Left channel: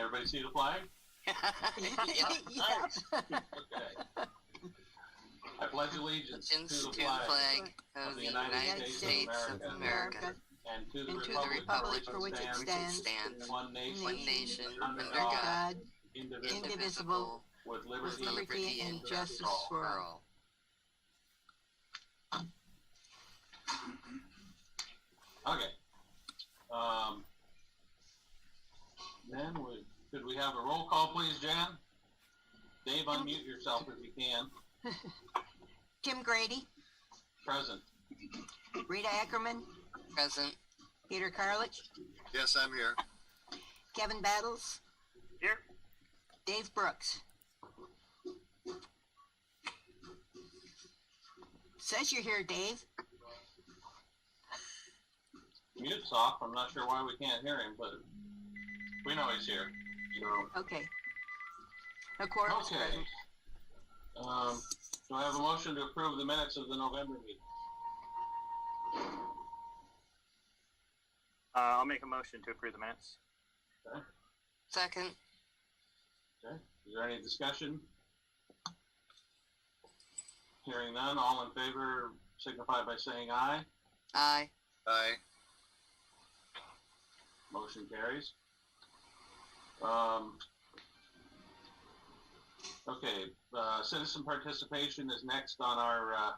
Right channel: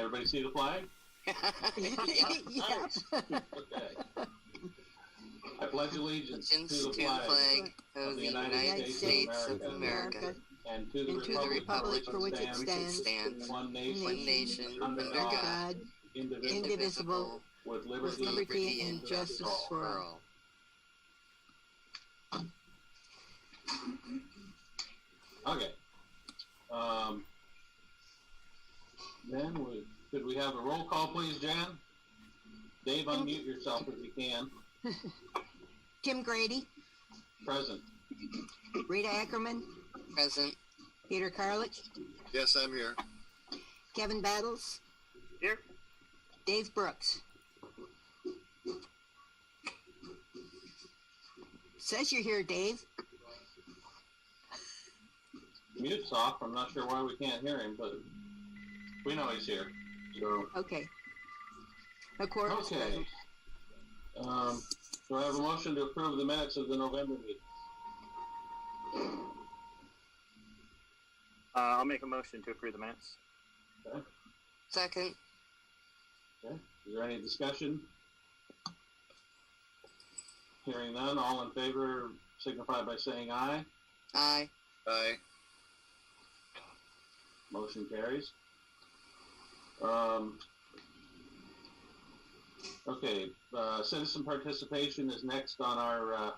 Everybody see the flag? Yeah. Okay. I pledge allegiance to the To flag of the United States of America and to and to the republic for which it stands, one one nation, under under God, God, indivisible, with with liberty liberty and justice for all. Okay. Then could we have a roll call, please, Jan? Dave, unmute yourself if you can. Tim Grady, Present. Rita Ackerman, Present. Peter Carlich, Yes, I'm here. Kevin Battles, Here. Dave Brooks. Says you're here, Dave. Mute's off. I'm not sure why we can't hear him, but we know he's here. So. Okay. A quorum is Okay. present. Do I have a motion to approve the minutes of the November meeting? I'll make a motion to approve the minutes. Okay. Second. Okay. Is there any discussion? Hearing none, all in favor signify by saying aye. Aye. Aye. Motion carries. Okay, citizen participation is next on our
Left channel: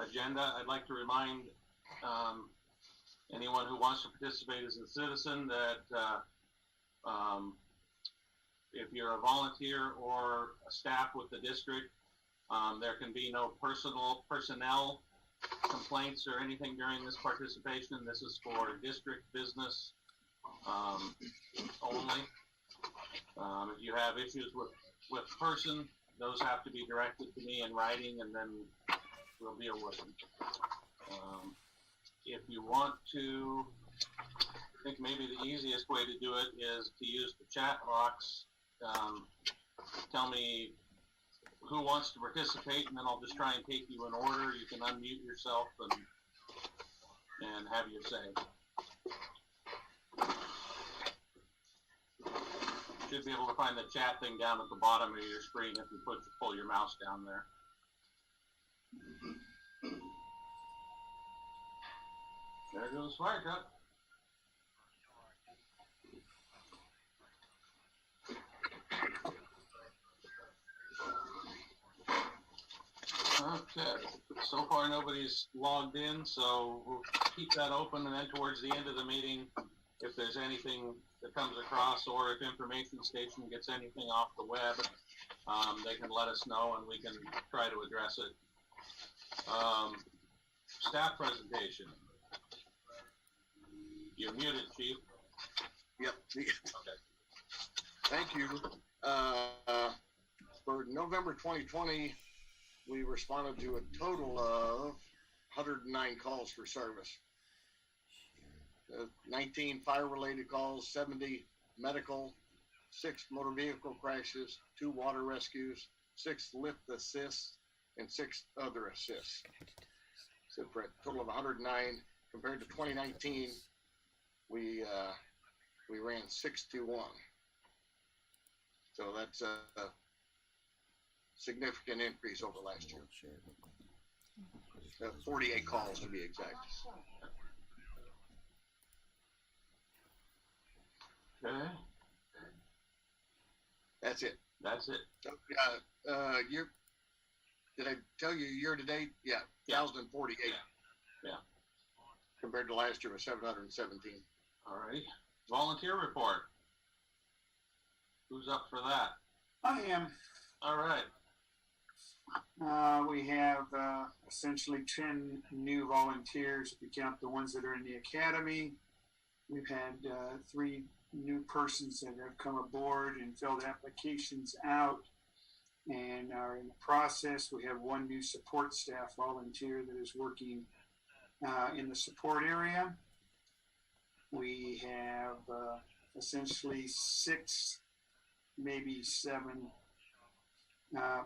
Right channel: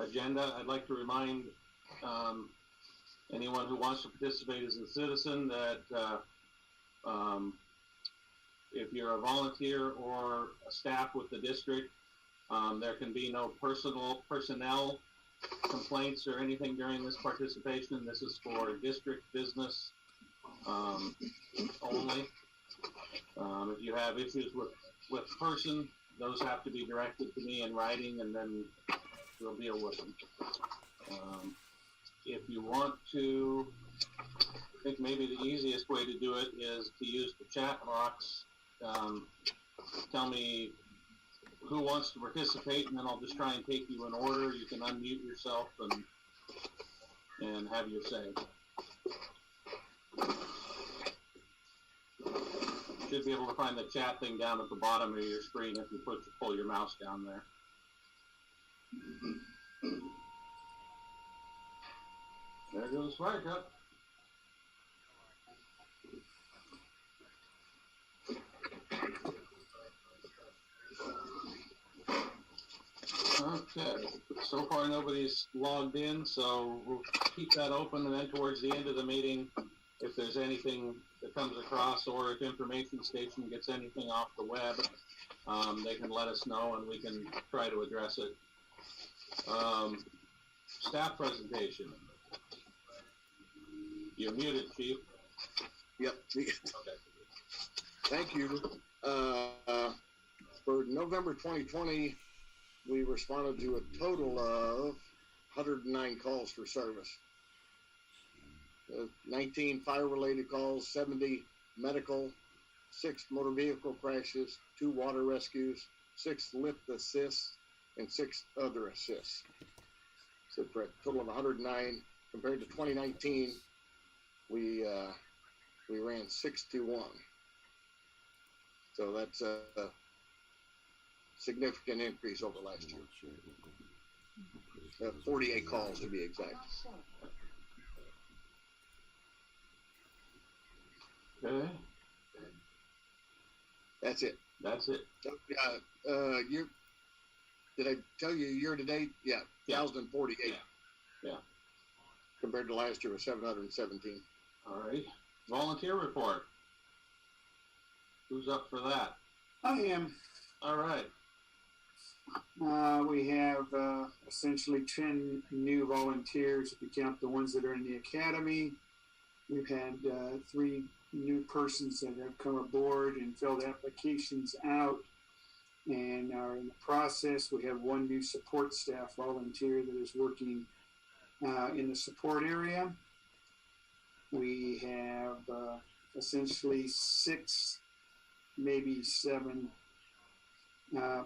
agenda. I'd like to remind anyone who wants to participate as a citizen that if you're a volunteer or a staff with the district, there can be no personnel complaints or anything during this participation. This is for district business only. If you have issues with person, those have to be directed to me in writing, and then we'll deal with them. If you want to, I think maybe the easiest way to do it is to use the chat box. Tell me who wants to participate, and then I'll just try and take you in order. You can unmute yourself and have your say. Should be able to find the chat thing down at the bottom of your screen if you pull your mouse down there. There goes fire truck. Okay, so far nobody's logged in, so we'll keep that open, and then towards the end of the meeting, if there's anything that comes across, or if Information Station gets anything off the web, they can let us know and we can try to address it. Staff presentation. You're muted, Chief. Yep. Okay. Thank you. For November 2020, we responded to a total of 109 calls for service. 19 fire-related calls, 70 medical, 6 motor vehicle crashes, 2 water rescues, 6 lift assists, and 6 other assists. So for a total of 109. Compared to 2019, we ran 621. So that's a significant increase over last year. 48 calls to be exact. Okay. That's it. That's it. Did I tell you year to date? Yeah, 1,048. Yeah. Compared to last year was 717. All right. Volunteer report. Who's up for that? I am. All right. We have essentially 10 new volunteers if you count the ones that are in the academy. We've had 3 new persons that have come aboard and filled applications out and are in the process. We have 1 new support staff volunteer that is working in the support area. We have essentially 6, maybe 7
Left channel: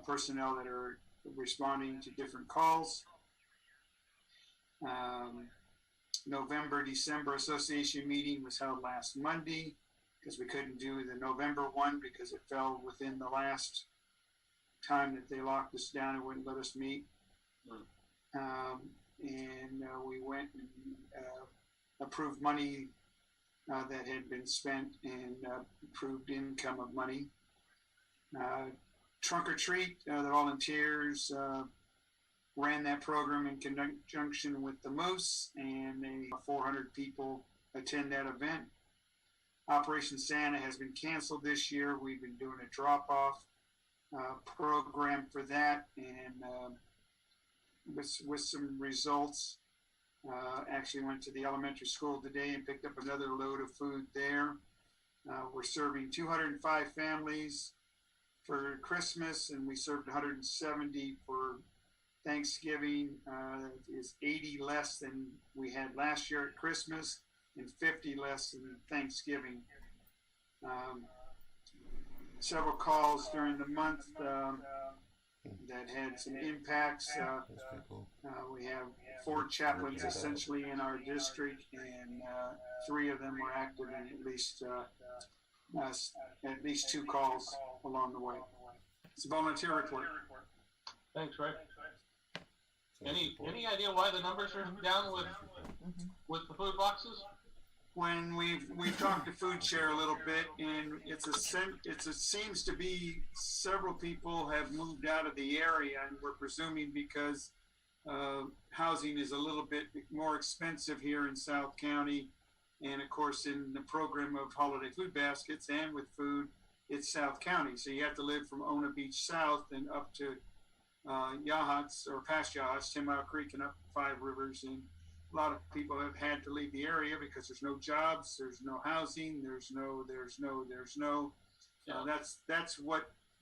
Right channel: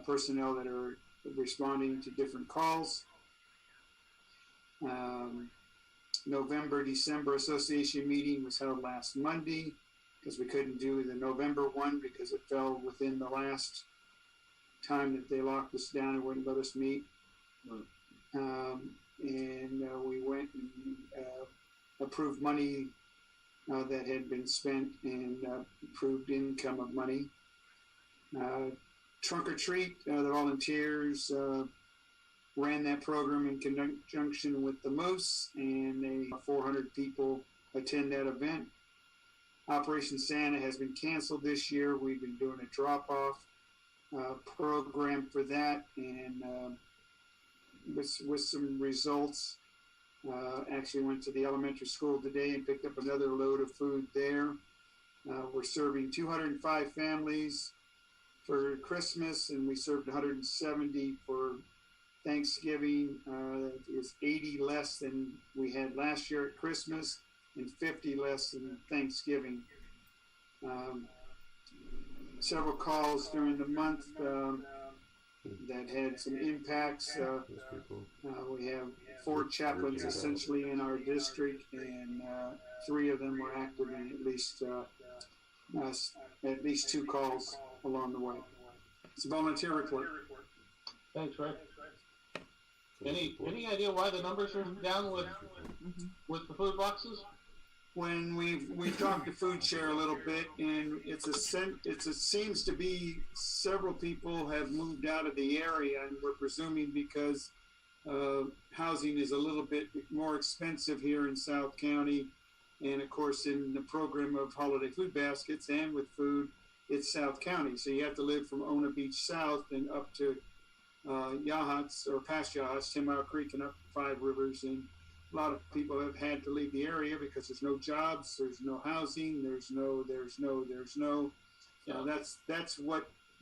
personnel that are responding to different calls. November-December association meeting was held last Monday. because we couldn't do the November one because it fell within the last time that they locked us down and wouldn't let us meet. And we went and approved money that had been spent and approved income of money. Trunk or Treat, the volunteers ran that program in conjunction with the Moose, and 400 people attend that event. Operation Santa has been canceled this year. We've been doing a drop-off program for that, and with some results. Actually went to the elementary school today and picked up another load of food there. We're serving 205 families for Christmas, and we served 170 for Thanksgiving. Is 80 less than we had last year at Christmas and 50 less than Thanksgiving. Several calls during the month that had some impacts. We have 4 chaplains essentially in our district, and 3 of them were active in at least 2 calls along the way. It's a volunteer report. Thanks, Rick. Any idea why the numbers are down with the food boxes? When we've talked to Food Share a little bit, and it seems to be several people have moved out of the area, and we're presuming because housing is a little bit more expensive here in South County, and of course in the program of holiday food baskets and with food, it's South County, so you have to live from Ona Beach South and up to Yachats or past Yachats, 10 Mile Creek, and up 5 Rivers, and a lot of people have had to leave the area because there's no jobs, there's no housing, there's no.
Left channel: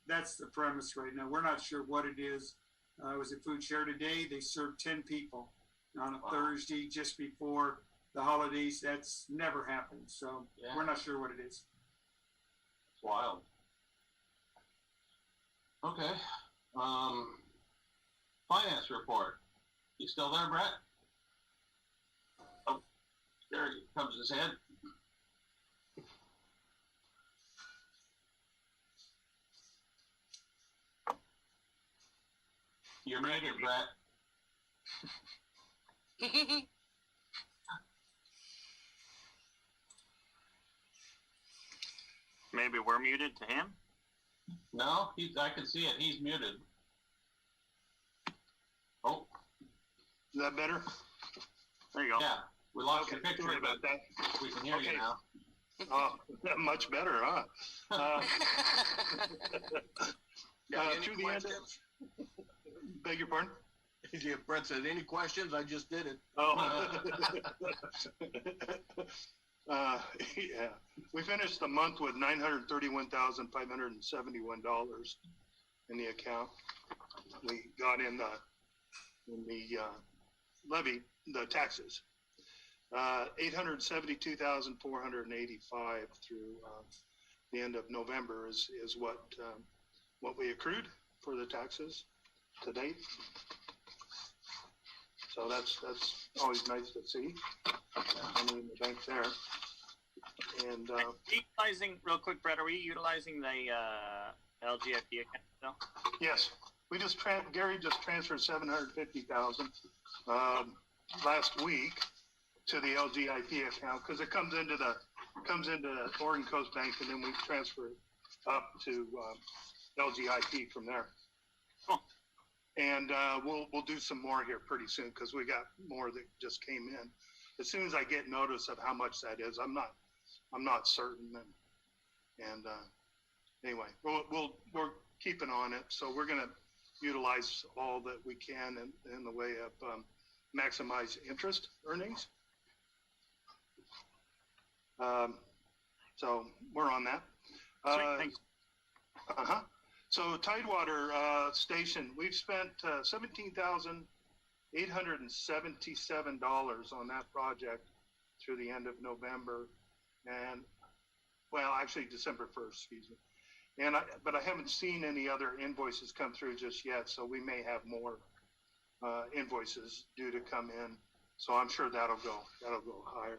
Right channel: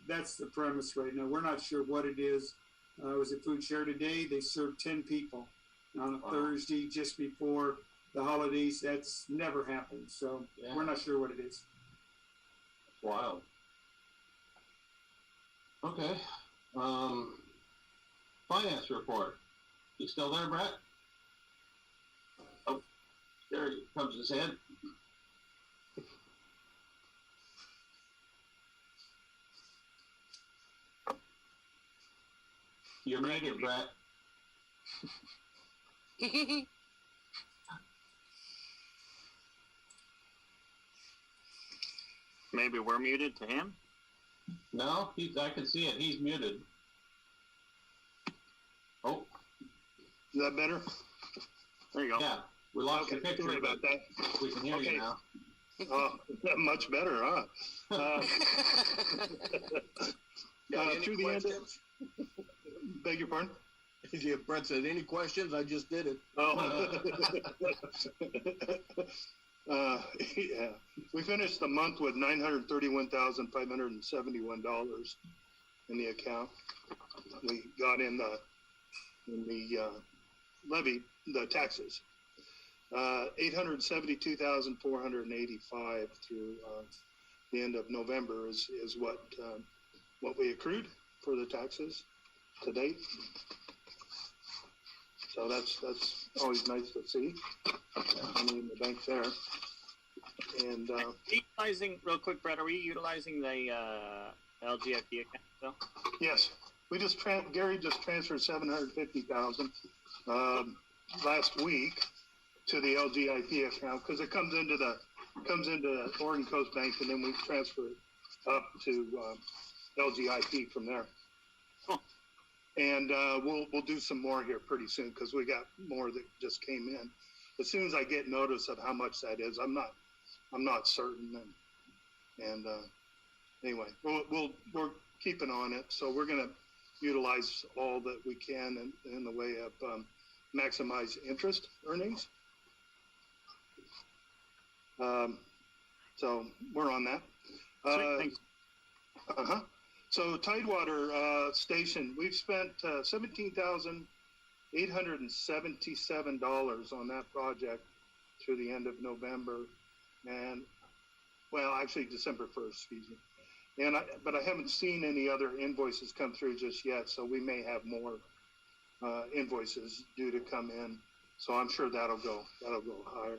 That's the premise right now. We're not sure what it is. I was at Food Share today. They served 10 people on a Thursday just before the holidays. That's never happened. So we're not sure what it is. Wild. Okay. Finance report. You still there, Brett? Oh, there comes his head. You're muted, Brett. Maybe we're muted to him? No, I can see it. He's muted. Oh. Is that better? There you go. Yeah, we lost your picture, Sorry about that. we can hear you now. Oh, much better, huh? Any Through the end questions? Beg your pardon? If Brett said any questions, I just did it. Oh. Yeah. We finished the month with $931,571 in the account. We got in the levy, the taxes. 872,485 through the end of November is what we accrued for the taxes to date. So that's always nice to see. Money in the bank there. And utilizing real quick, Brett, are we utilizing the LGFD account still? yes, we just Gary just transferred $750,000 last week to the LGIP account because it comes into the Oregon Coast Bank, and then we transfer it up to LGIP from there. Cool. And we'll do some more here pretty soon because we got more that just came in. As soon as I get notice of how much that is, I'm not certain. And anyway, we're keeping on it. So we're going to utilize all that we can in the way of maximize interest earnings. So we're on that. Sweet, thanks. So Tidewater Station, we've spent $17,877 on that project through the end of November, and well, actually December 1st, excuse me. But I haven't seen any other invoices come through just yet, so we may have more invoices due to come in. So I'm sure that'll go higher.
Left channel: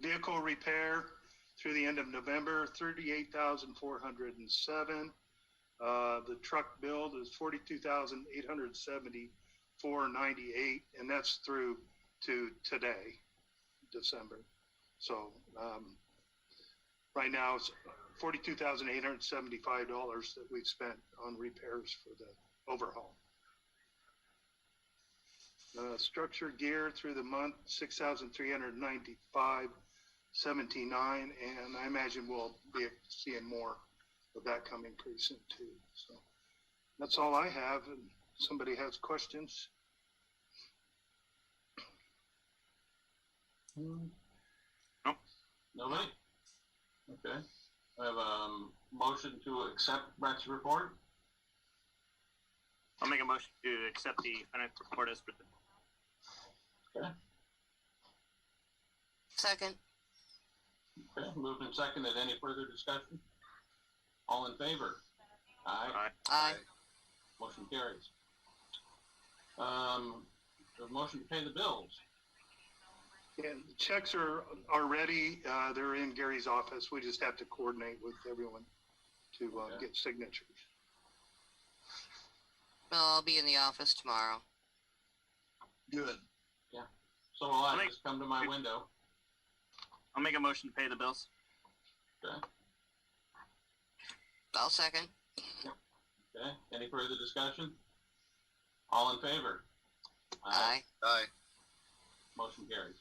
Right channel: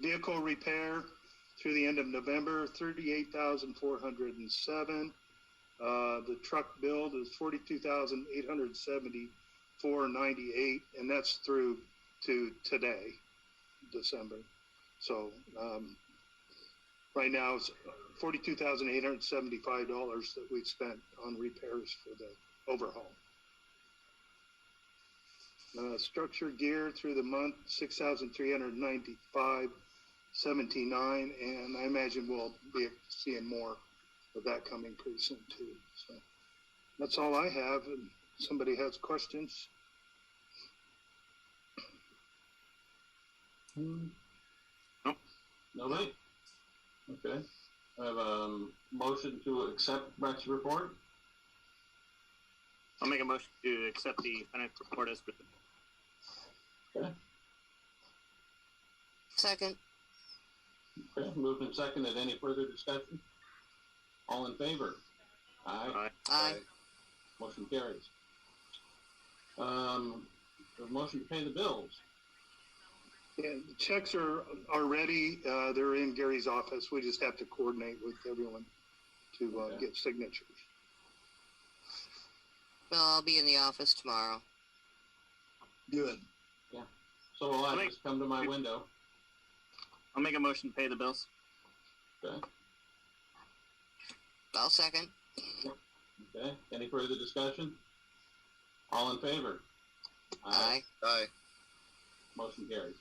Vehicle repair through the end of November, 38,407. The truck build is 42,874.98, and that's through to today, December. So right now it's $42,875 that we've spent on repairs for the overhaul. Structure gear through the month, 6,395.79, and I imagine we'll be seeing more of that coming pretty soon too. So that's all I have. And somebody has questions? Nobody? Okay. I have a motion to accept Brett's report. I'll make a motion to accept the financial report as presented. Okay. Second. Okay. Moved and seconded. Any further discussion? All in favor? Aye. Aye. Motion carries. The motion to pay the bills. Yeah, the checks are ready. They're in Gary's office. We just have to coordinate with everyone to Okay. get signatures. Well, I'll be in the office tomorrow. Good. So will I. I'll make- Just come to my window. I'll make a motion to pay the bills. Okay. I'll second. Okay. Any further discussion? All in favor? Aye. Aye. Motion carries.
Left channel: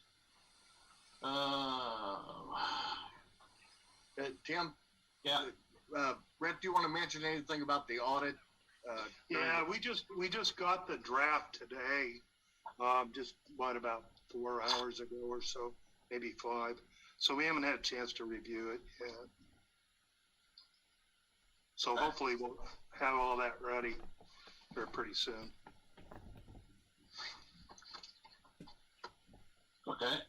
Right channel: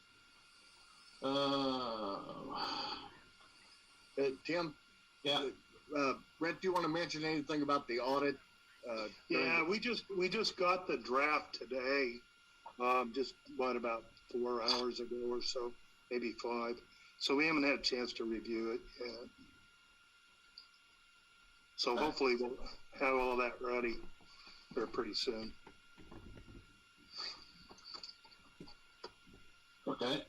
Tim, Yeah. Brett, do you want to mention anything about the audit? Yeah, we just got the draft today. Just about 4 hours ago or so, maybe 5. So we haven't had a chance to review it yet. So Okay. hopefully we'll have all that ready for pretty soon. Okay.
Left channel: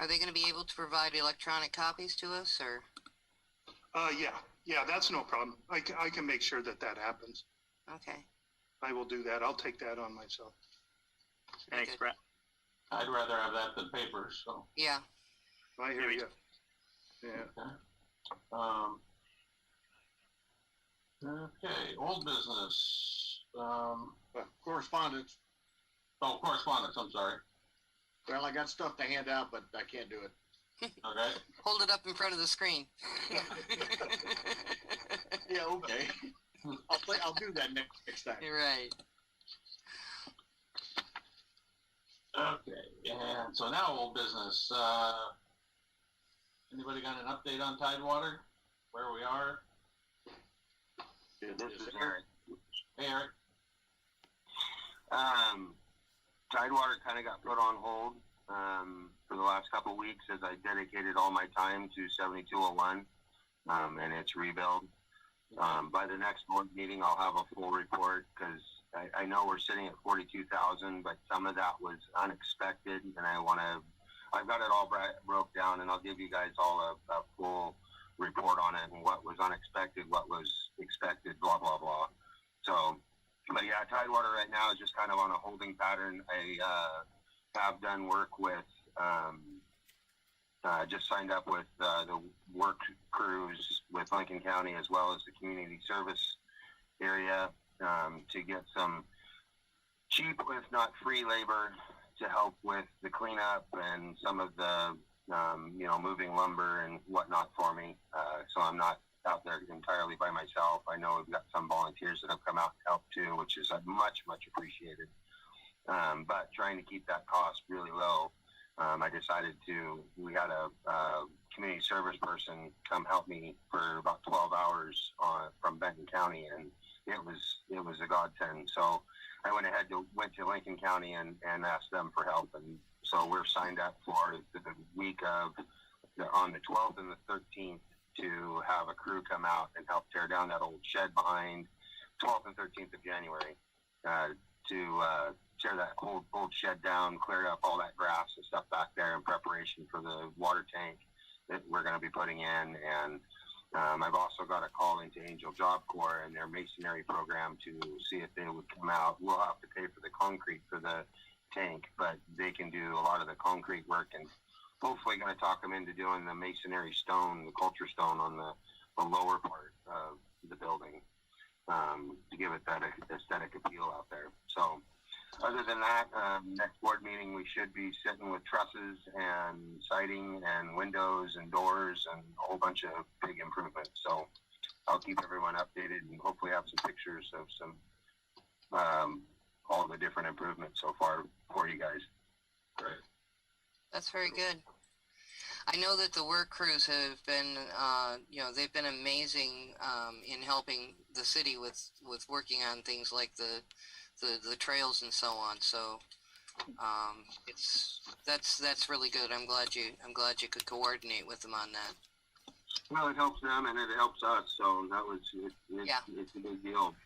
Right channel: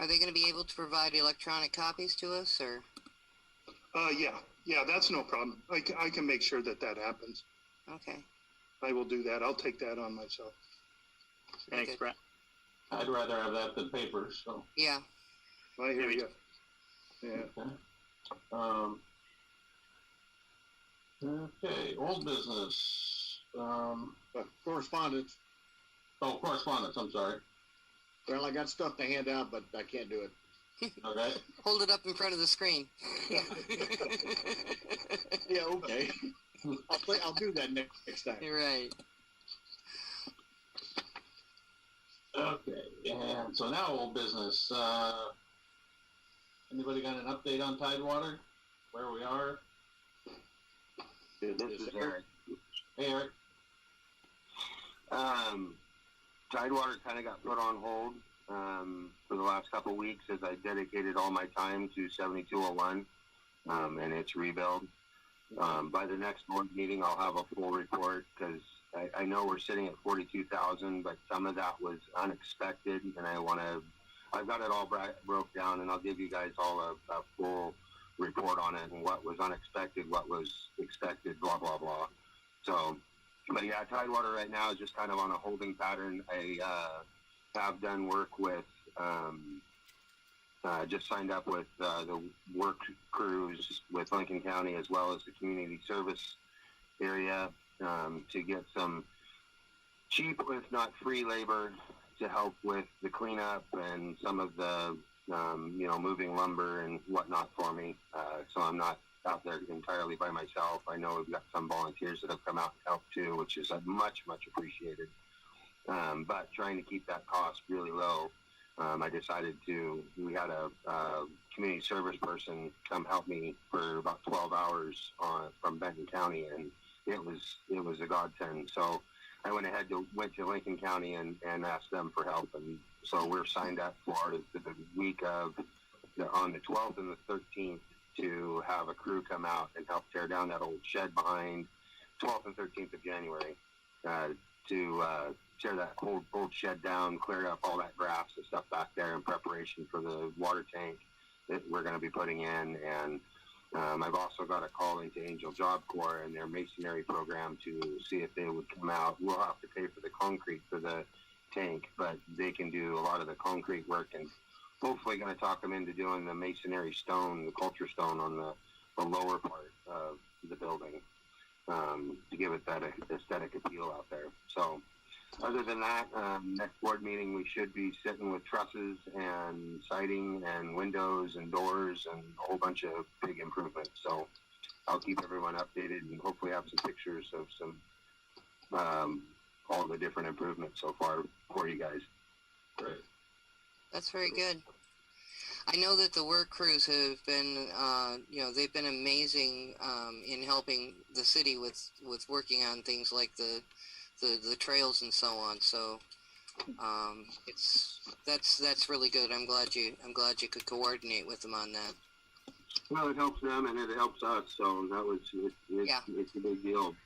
Are they going to be able to provide electronic copies to us, or? Yeah, that's no problem. I can make sure that happens. Okay. I will do that. I'll take that on myself. Thanks, Good. Brett. I'd rather have that than paper, so. Yeah. I hear Maybe. you. Yeah. Okay, old business. Correspondence. Oh, correspondence, I'm sorry. Well, I got stuff to hand out, but I can't do it. Okay. Hold it up in front of the screen. Yeah, okay. I'll do that next time. You're right. Okay, and so now old business. Anybody got an update on Tidewater? Where we are? This is Eric. Hey, Eric. Tidewater kind of got put on hold for the last couple of weeks as I dedicated all my time to 7201 and its rebuild. By the next board meeting, I'll have a full report because I know we're sitting at 42,000, but some of that was unexpected, and I've got it all broke down, and I'll give you guys all a full report on it and what was unexpected, what was expected, blah, blah, blah. So, but yeah, Tidewater right now is just kind of on a holding pattern. I have done work with, just signed up with the work crews with Lincoln County as well as the community service area to get some cheap, if not free labor to help with the cleanup and some of the, moving lumber and whatnot for me. So I'm not out there entirely by myself. I know we've got some volunteers that have come out and helped too, which is much, much appreciated. But trying to keep that cost really low, I decided we had a community service person come help me for about 12 hours from Benton County, and it was a godsend. So I went to Lincoln County and asked them for help, and so we're signed up for the week on the 12th and the 13th to have a crew come out and help tear down that old shed behind 12th and 13th of January to tear that old shed down, clear up all that grass and stuff back there in preparation for the water tank that we're going to be putting in. And I've also got a call into Angel Job Corps and their masonry program to see if they would come out. We'll have to pay for the concrete for the tank, but they can do a lot of the concrete work and hopefully going to talk them into doing the masonry stone, the culture stone on the lower part of the building, to give it that aesthetic appeal out there. So other than that, next board meeting, we should be sitting with trusses and siding and windows and doors and a whole bunch of big improvements. So I'll keep everyone updated and hopefully have some pictures of some, all the different improvements so far for you guys. Great. That's very good. I know that the work crews have been, they've been amazing in helping the city with working on things like the trails and so on. So that's really good. I'm glad you could coordinate with them on that. Well, it helps them and it helps us. So that was it's a big deal.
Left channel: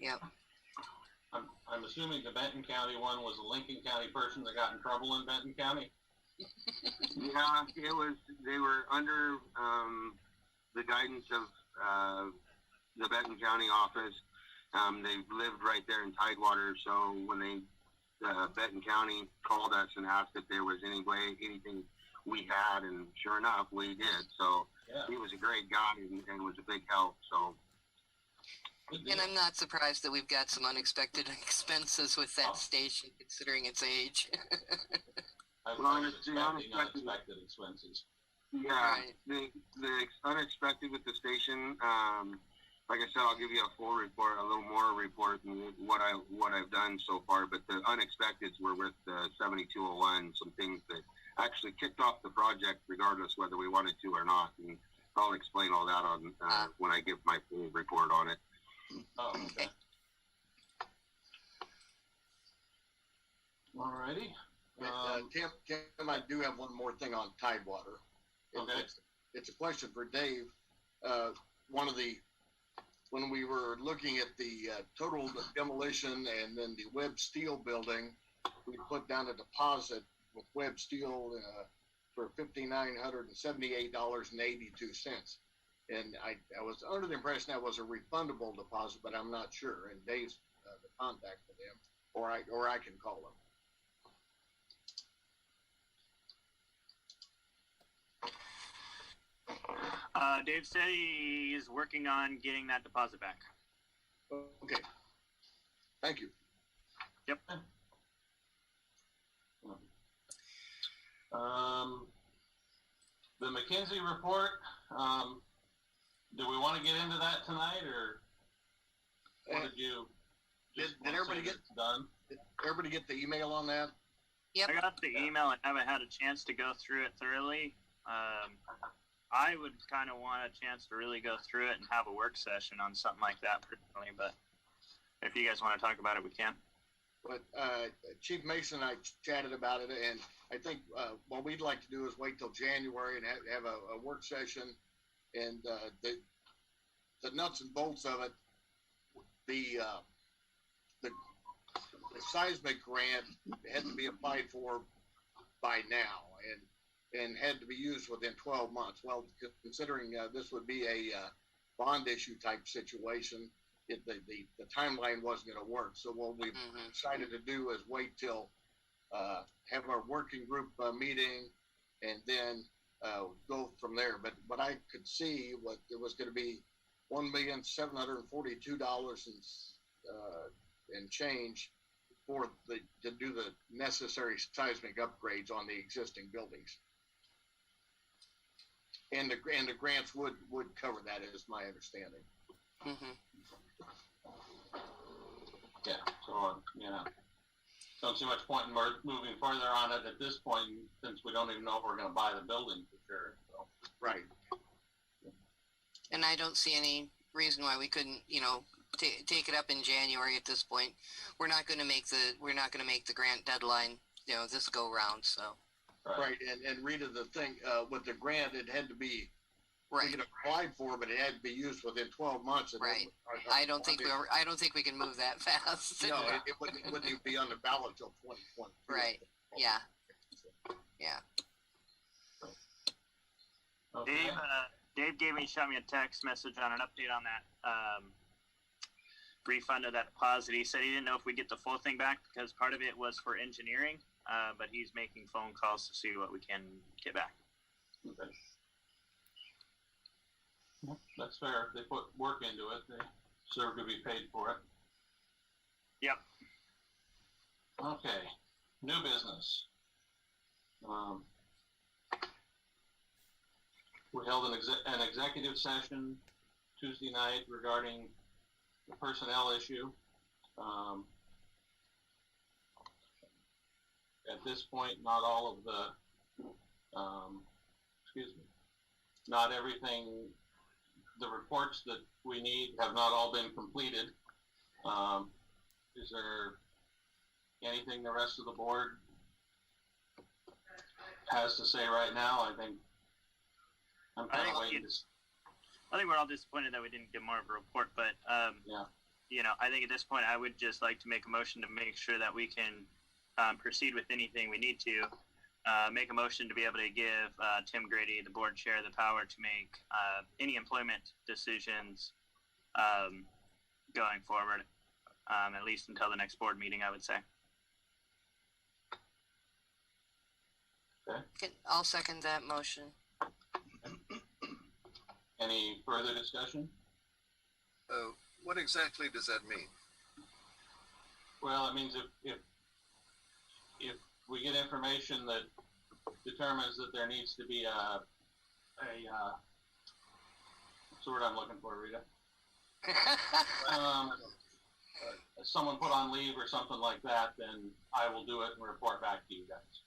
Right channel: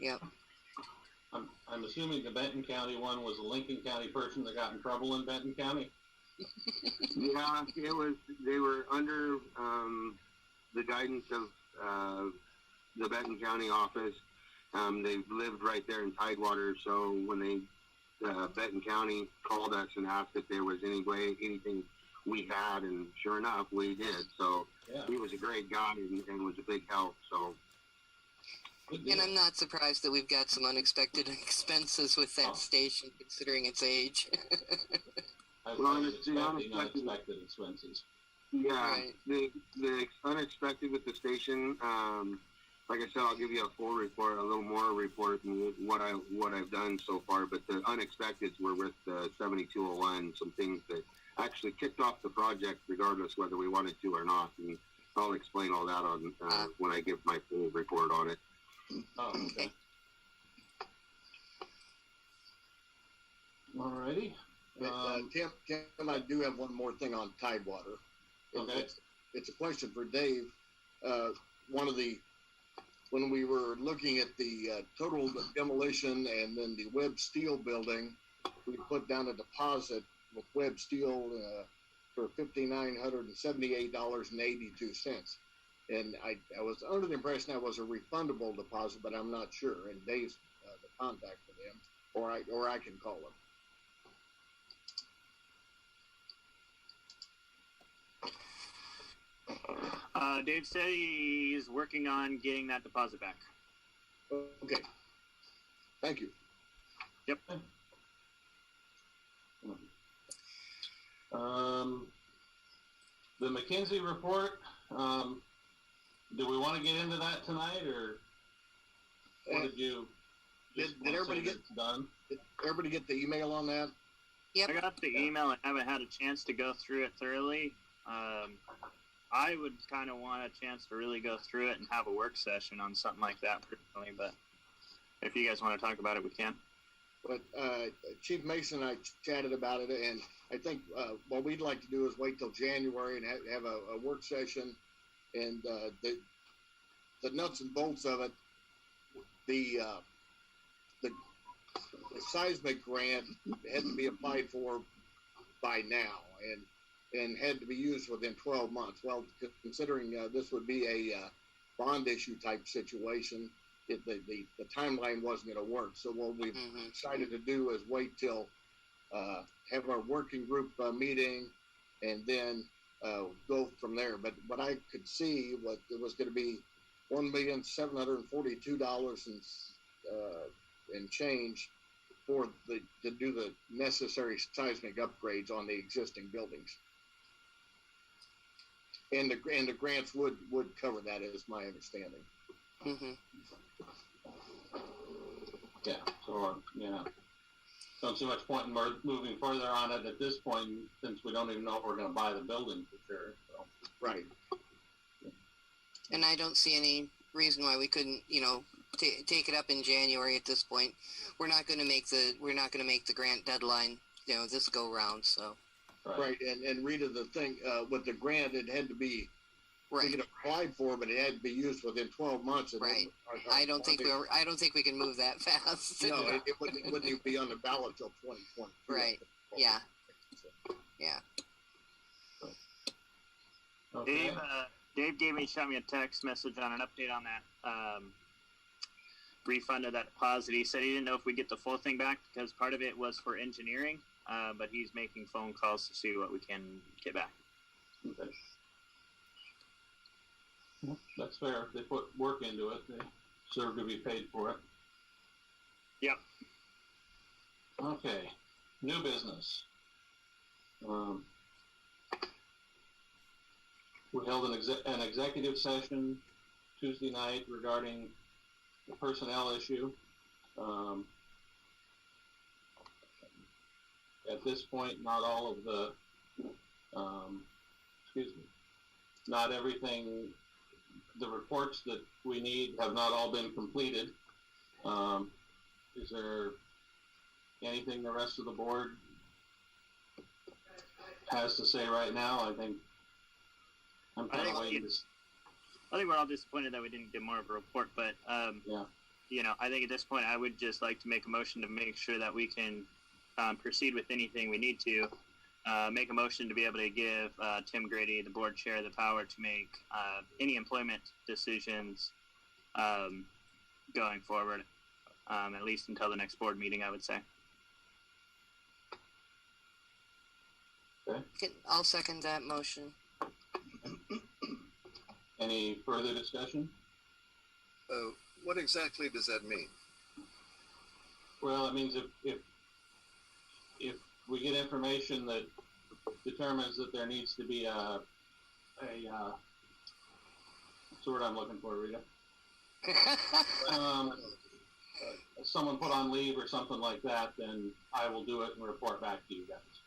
Yep. I'm assuming the Benton County one was a Lincoln County person that got in trouble in Benton County. Yeah, it was. They were under the guidance of the Benton County office. They lived right there in Tidewater, so when they Benton County called us and asked if there was anything we had, and sure enough, we did. So he was a great guy and was a big help. So. And I'm not surprised that we've got some unexpected expenses with that station, considering its age. I was expecting unexpected expenses. Yeah, right. the unexpected with the station. Like I said, I'll give you a full report, a little more report, and what I've done so far. But the unexpecteds were with the 7201, some things that actually kicked off the project, regardless whether we wanted to or not. And I'll explain all that on when I give my full report on it. Oh, okay. Alrighty. Tim, I do have one more thing on Tidewater. Okay. It's a question for Dave. When we were looking at the total demolition and then the Webb Steel building, we put down a deposit with Webb Steel for $5,978.82. And I was under the impression that was a refundable deposit, but I'm not sure. And Dave's the contact for them, or I can call them. Dave said he's working on getting that deposit back. Okay. Thank you. Yep. The McKinsey report. Do we want to get into that tonight, or what did you? Did everybody get done? Did everybody get the email on that? Yep. I got the email and haven't had a chance to go through it thoroughly. I would kind of want a chance to really go through it and have a work session on something like that personally, but if you guys want to talk about it, we can. But Chief Mason and I chatted about it, and I think what we'd like to do is wait till January and have a work session, and the nuts and bolts of it. The seismic grant had to be applied for by now, and had to be used within 12 months. Well, considering this would be a bond issue type situation, the timeline wasn't going to work. So what we've decided to do is wait till have our working group meeting, and then go from there. But what I could see was it was going to be $1,742 and change to do the necessary seismic upgrades on the existing buildings. And the grants would cover that, is my understanding. Mm-hmm. Yeah. So don't see much point in moving further on it at this point, since we don't even know if we're going to buy the building for sure. So. Right. And I don't see any reason why we couldn't, take it up in January at this point. We're not going to make the grant deadline, this go round. So. Right. And Rita, the thing with the grant, it had to be right. We could apply for, but it had to be used within 12 months. And right. I don't think we can move that fast. No, it wouldn't even be on the ballot till 2020. Right. Yeah. Yeah. Okay. Dave shot me a text message on an update on that refund of that deposit. He said he didn't know if we get the full thing back because part of it was for engineering, but he's making phone calls to see what we can get back. Okay. Well, that's fair. If they put work into it, they deserve to be paid for it. Yep. Okay. New business. We held an executive session Tuesday night regarding the personnel issue. At this point, not all of the, not everything, the reports that we need have not all been completed. Is there anything the rest of the board has to say right now? I think I'm kind of waiting to. I think we're all disappointed that we didn't get more of a report, but Yeah. you know, I think at this point I would just like to make a motion to make sure that we can proceed with anything we need to. Make a motion to be able to give Tim Grady, the board chair, the power to make any employment decisions going forward, at least until the next board meeting, I would say. I'll second that motion. Any further discussion? What exactly does that mean? Well, it means if we get information that determines that there needs to be what's the word I'm looking for, Rita? Someone put on leave or something like that, then I will do it and report back to you guys.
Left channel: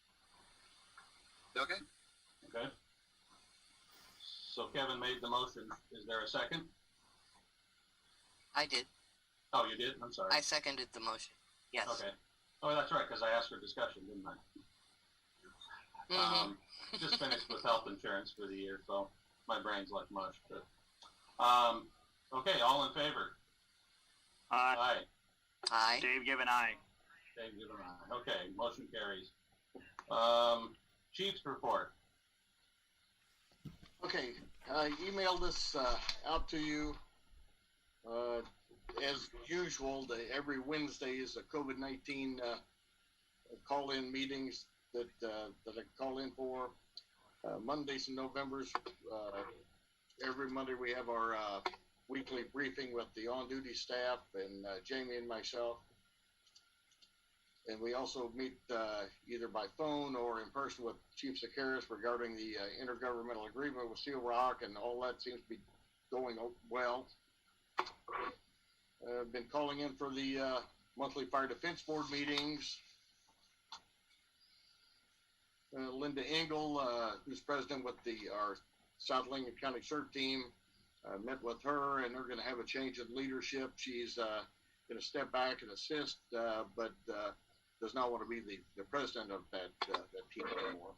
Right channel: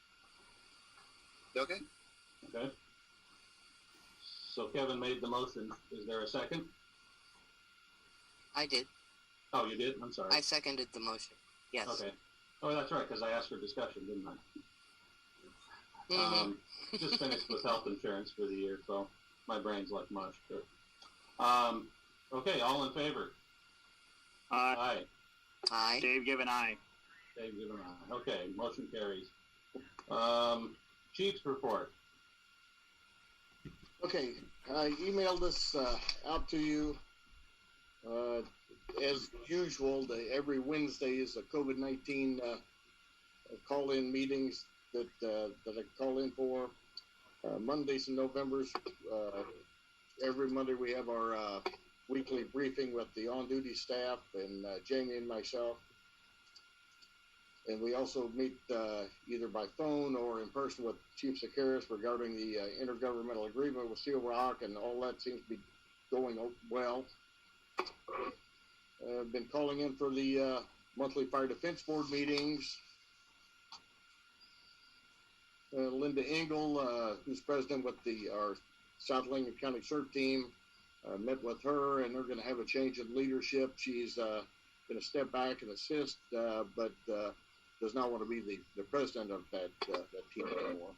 Okay. Okay? So Kevin made the motion. Is there a second? I did. Oh, you did? I'm sorry. I seconded the motion. Yes. Okay. Oh, that's right, because I asked for discussion, didn't I? Mhm. Just finished with health insurance for the year, so my brain's like mush. But okay, all in favor? Aye. Aye. Dave, give an aye. Dave, give an aye. Okay, motion carries. Chief's report. Okay, I emailed this out to you. As usual, every Wednesday is a COVID-19 call-in meetings that I call in for. Mondays and Novembers, every Monday we have our weekly briefing with the on-duty staff and Jamie and myself. And we also meet either by phone or in person with Chief Sakaris regarding the intergovernmental agreement with Seal Rock, and all that seems to be going well. I've been calling in for the monthly Fire Defense Board meetings. Linda Engel, who's president with our South Lincoln County CERT team, met with her, and they're going to have a change in leadership. She's going to step back and assist, but does not want to be the president of that team anymore.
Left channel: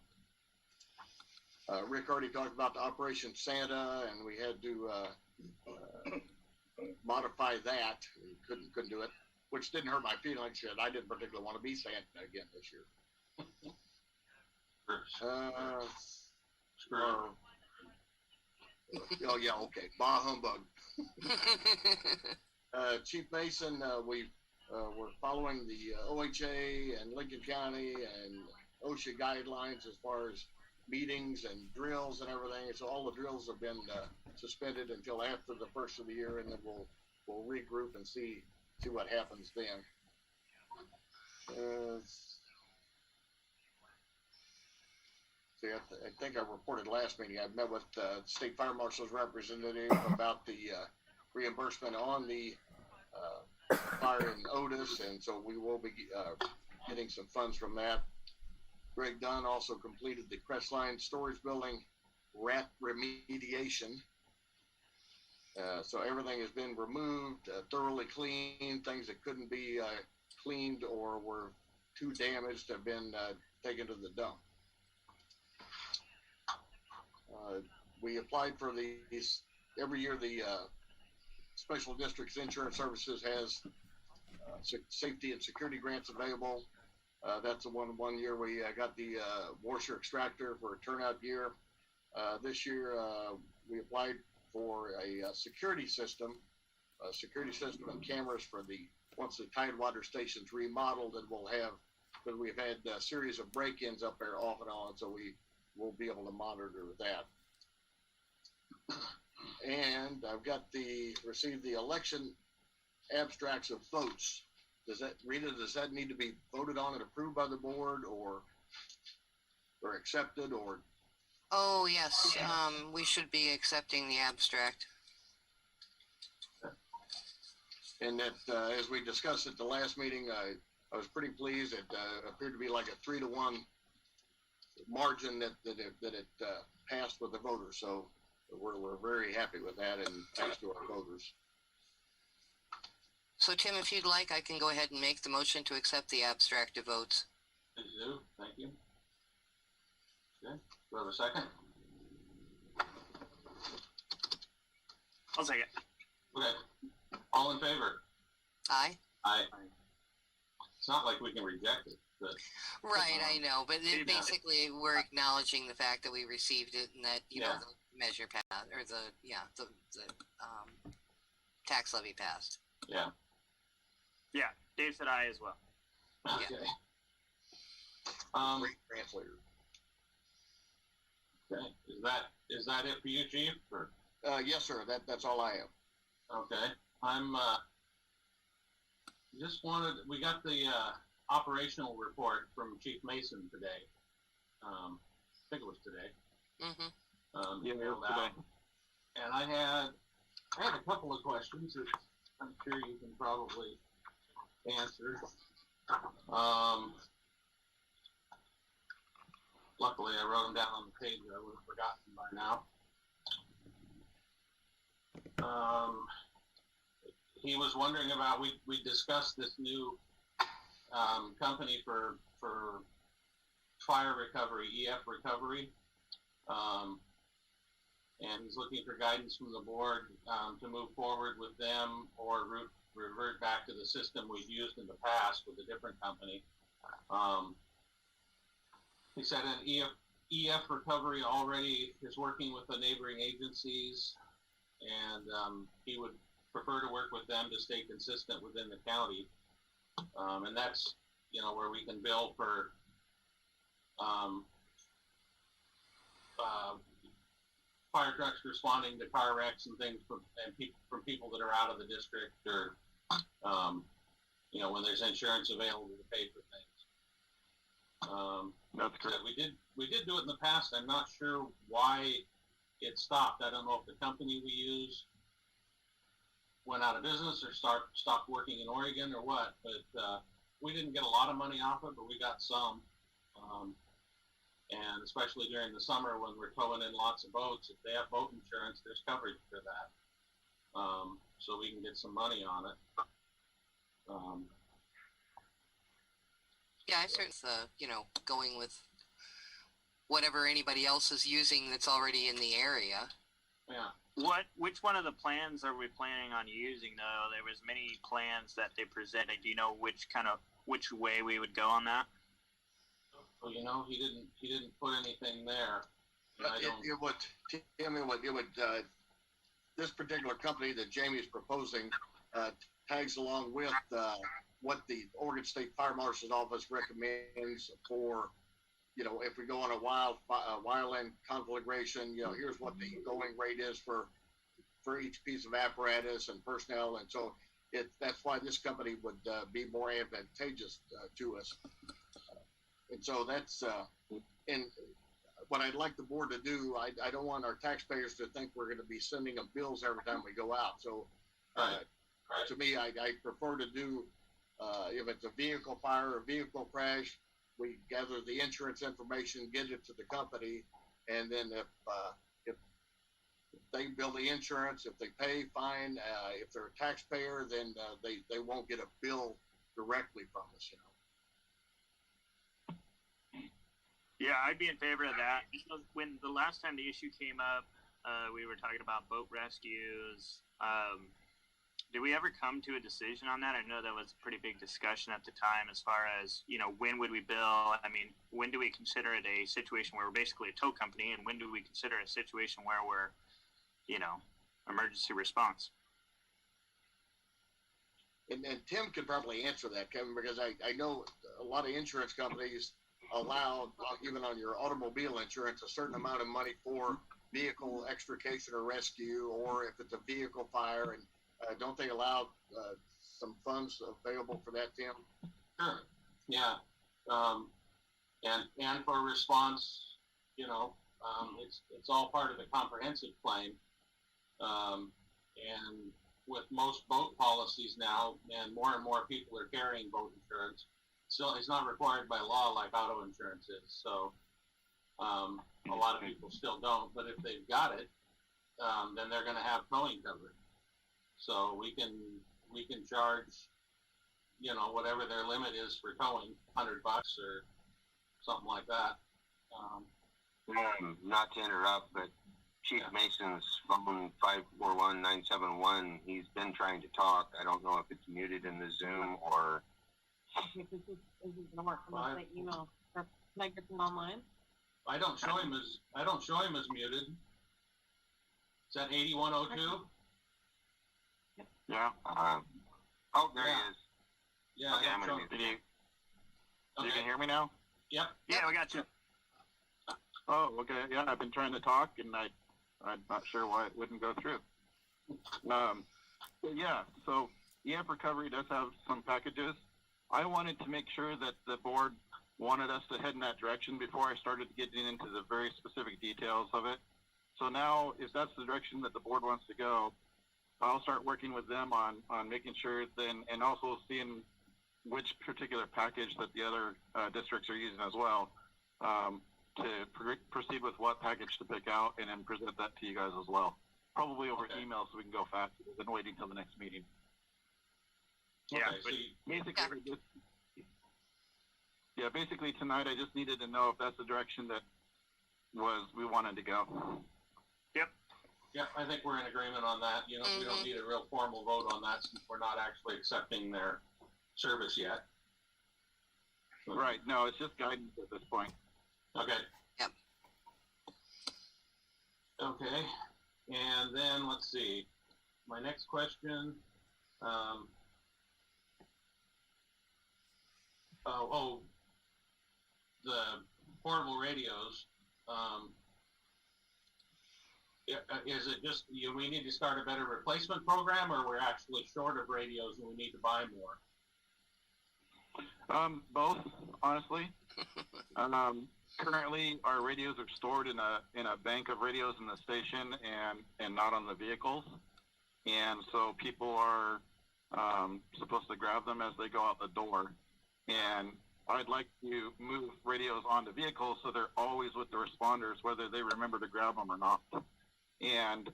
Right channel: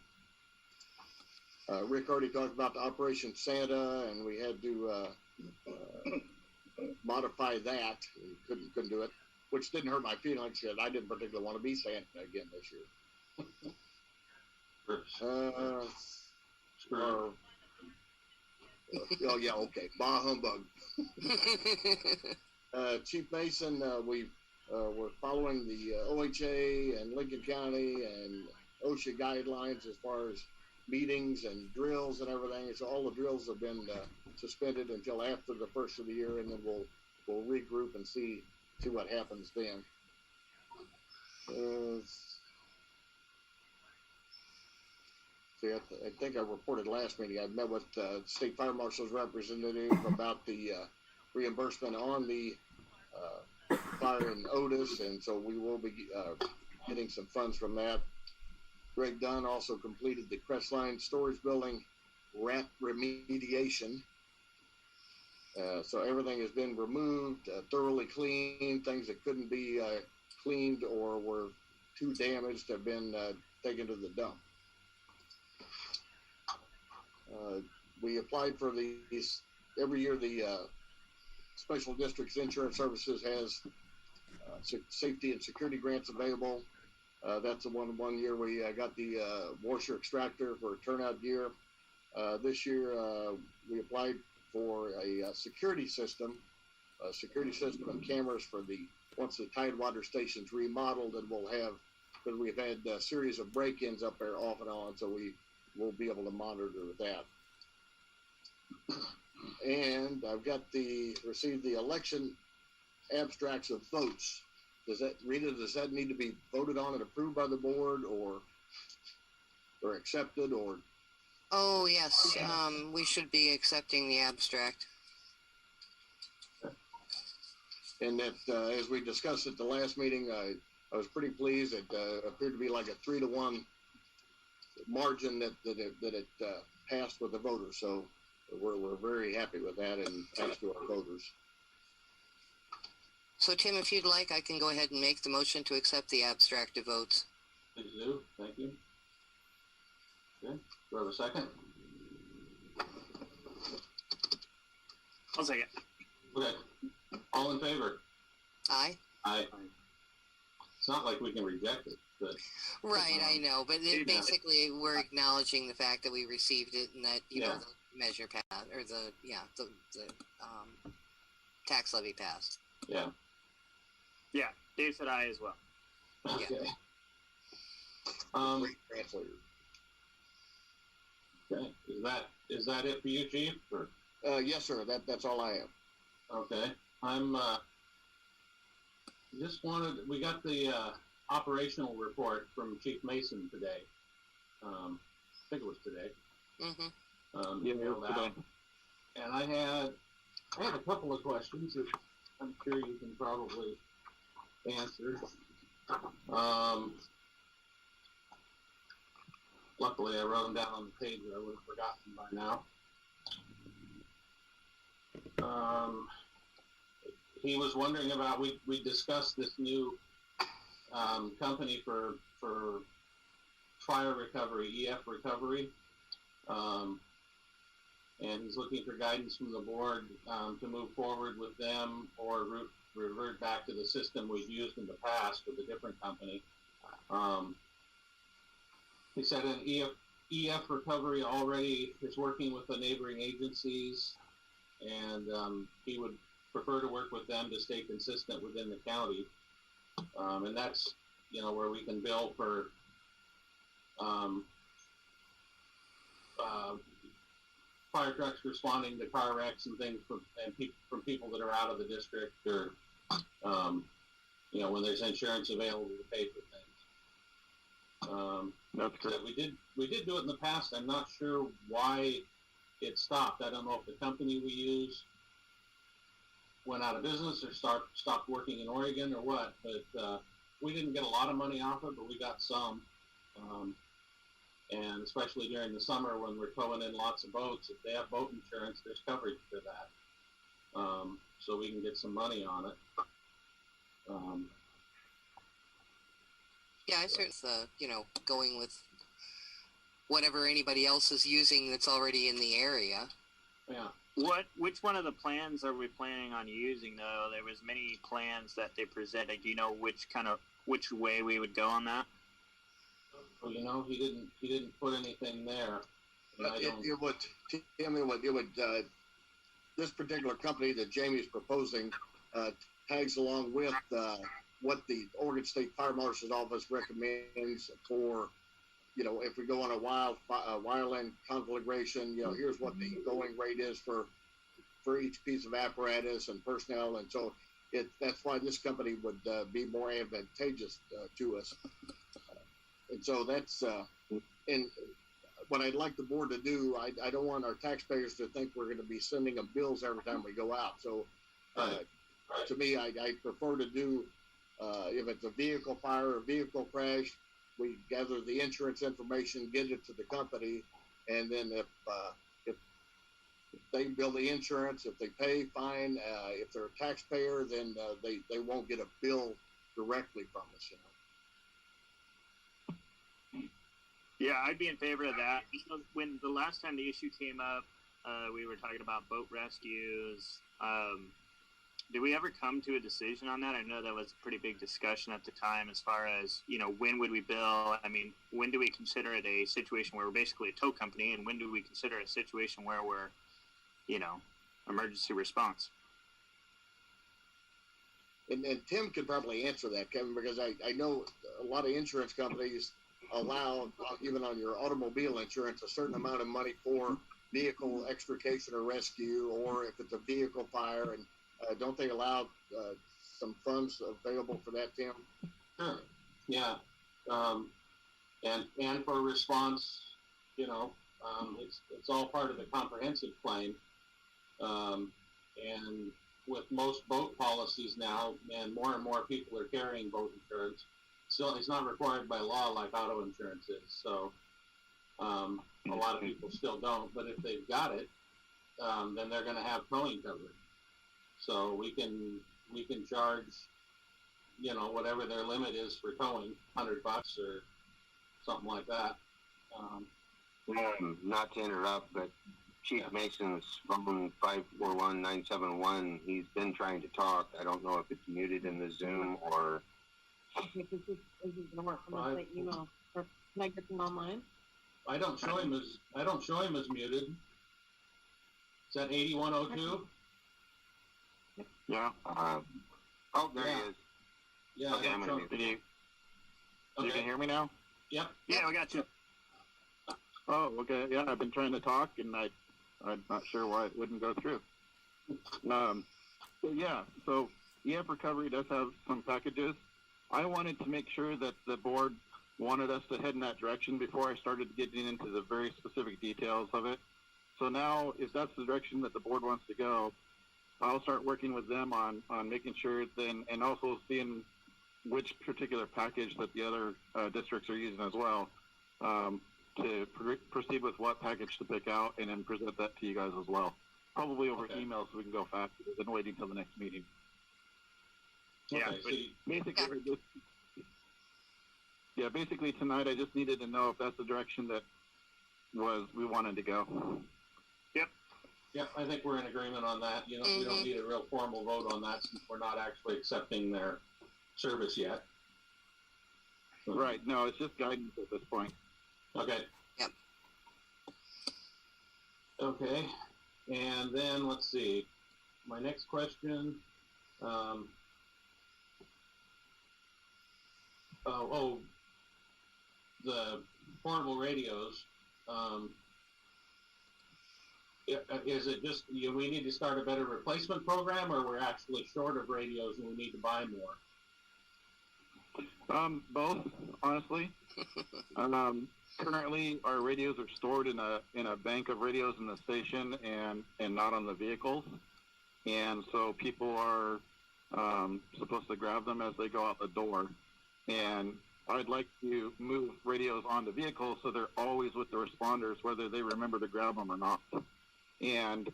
Rick already talked about the Operation Santa, and we had to modify that. Couldn't do it, which didn't hurt my feelings. I didn't particularly want to be Santa again this year. Oh yeah, okay. Bah humbug. Chief Mason, we're following the OHA and Lincoln County and OSHA guidelines as far as meetings and drills and everything. So all the drills have been suspended until after the first of the year, and then we'll regroup and see what happens then. I think I reported last meeting. I met with State Fire Marshal's representative about the reimbursement on the fire in Otis, and so we will be getting some funds from that. Greg Dunn also completed the Crestline Storage Building rat remediation. So everything has been removed, thoroughly cleaned. Things that couldn't be cleaned or were too damaged have been taken to the dump. We applied for these every year. The Special Districts Insurance Services has safety and security grants available. That's the one year we got the washer extractor for turnout gear. This year we applied for a security system and cameras for once the Tidewater station's remodeled, and we'll have but we've had a series of break-ins up there off and on, so we will be able to monitor that. And I've got received the election abstracts of votes. Rita, does that need to be voted on and approved by the board or accepted or? Oh, yes. We should be accepting the abstract. And that, as we discussed at the last meeting, I was pretty pleased. It appeared to be like a 3-1 margin that it passed with the voters. So we're very happy with that, and thanks to our voters. So, Tim, if you'd like, I can go ahead and make the motion to accept the abstract of votes. Please do. Thank you. Okay. Do I have a second? I'll second. Okay. All in favor? Aye? Aye. It's not like we can reject it, but. Right, I know, but Yeah. basically we're acknowledging the fact that we received it and that, you know, Yeah. the measure passed, or the tax levy passed. Yeah. Yeah, Dave said aye as well. Okay. Great translator. Okay. Is that it for you, Chief? Or? Yes, sir. That's all I have. Okay. I'm we got the operational report from Chief Mason today. I think it was today. Mm-hmm. Emailed out. And I had a couple of questions that I'm sure you can probably answer. Luckily, I wrote them down on the page that I would have forgotten by now. He was wondering about, we discussed this new company for fire recovery, EF recovery, and he's looking for guidance from the board to move forward with them or revert back to the system we've used in the past with a different company. He said an EF recovery already is working with the neighboring agencies, and he would prefer to work with them to stay consistent within the county. And that's, you know, where we can bill for fire trucks responding to car wrecks and things from people that are out of the district, or you know, when there's insurance available to pay for things. That's correct. We did do it in the past. I'm not sure why it stopped. I don't know if the company we use went out of business or stopped working in Oregon or what, but we didn't get a lot of money off it, but we got some. And especially during the summer when we're towing in lots of boats, if they have boat insurance, there's coverage for that. So we can get some money on it. Yeah, I certainly, you know, going with whatever anybody else is using that's already in the area. Yeah. Which one of the plans are we planning on using though? There was many plans that they presented. Do you know which way we would go on that? Well, you know, he didn't put anything there. This particular company that Jamie's proposing tags along with what the Oregon State Fire Marshal's Office recommends for, you know, if we go on a wildland conflagration, you know, here's what the going rate is for each piece of apparatus and personnel, and so that's why this company would be more advantageous to us. And so that's and what I'd like the board to do, I don't want our taxpayers to think we're going to be sending them bills every time we go out. So to me, I prefer to do, if it's a vehicle fire or vehicle crash, we gather the insurance information, get it to the company, and then if they bill the insurance, if they pay, fine. If they're a taxpayer, then they won't get a bill directly from us, you know. Yeah, I'd be in favor of that. When the last time the issue came up, we were talking about boat rescues. Did we ever come to a decision on that? I know that was a pretty big discussion at the time as far as, you know, when would we bill? I mean, when do we consider it a situation where we're basically a tow company, and when do we consider a situation where we're, you know, emergency response? and Tim could probably answer that, Kevin, because I know a lot of insurance companies allow, even on your automobile insurance, a certain amount of money for vehicle extrication or rescue, or if it's a vehicle fire, and don't they allow some funds available for that, Tim? Sure. Yeah. And for response, it's all part of the comprehensive claim. And with most boat policies now, and more people are carrying boat insurance. Still, it's not required by law like auto insurance is. So a lot of people still don't. But if they've got it, then they're going to have towing coverage. So we can charge, whatever their limit is for towing, $100 or something like that. Not to interrupt, but Chief Mason's phone 541-971. He's been trying to talk. I don't know if it's muted in the Zoom or. Okay, this isn't gonna work unless I email. Or can I get them online? I don't show him as muted. Is that 8102? Yeah. There he is. Yeah. Okay, I'm gonna mute. You can hear me now? Yep. Yeah, we got you. Oh, okay. Yeah, I've been trying to talk, and I'm not sure why it wouldn't go through. So EF Recovery does have some packages. I wanted to make sure that the board wanted us to head in that direction before I started getting into the very specific details of it. So now, if that's the direction that the board wants to go, I'll start working with them on making sure then, and also seeing which particular package that the other districts are using as well, to proceed with what package to pick out, and then present that to you guys as well. Probably over email so we can go faster than waiting till the next meeting. Yeah, Okay, basically tonight I just needed to know if that's the direction that we wanted to go. Yep, I think we're in agreement on that. We don't need a real formal vote on that since we're not actually accepting their service yet. Right. No, it's just guidance at this point. Okay. Yep. Okay. And then let's see. My next question. The portable radios. Is it just we need to start a better replacement program, or we're actually short of radios and we need to buy more? Both, honestly. Currently, our radios are stored in a bank of radios in the station and not on the vehicles, and so people are supposed to grab them as they go out the door. And I'd like to move radios onto vehicles so they're always with the responders, whether they remember to grab them or not. And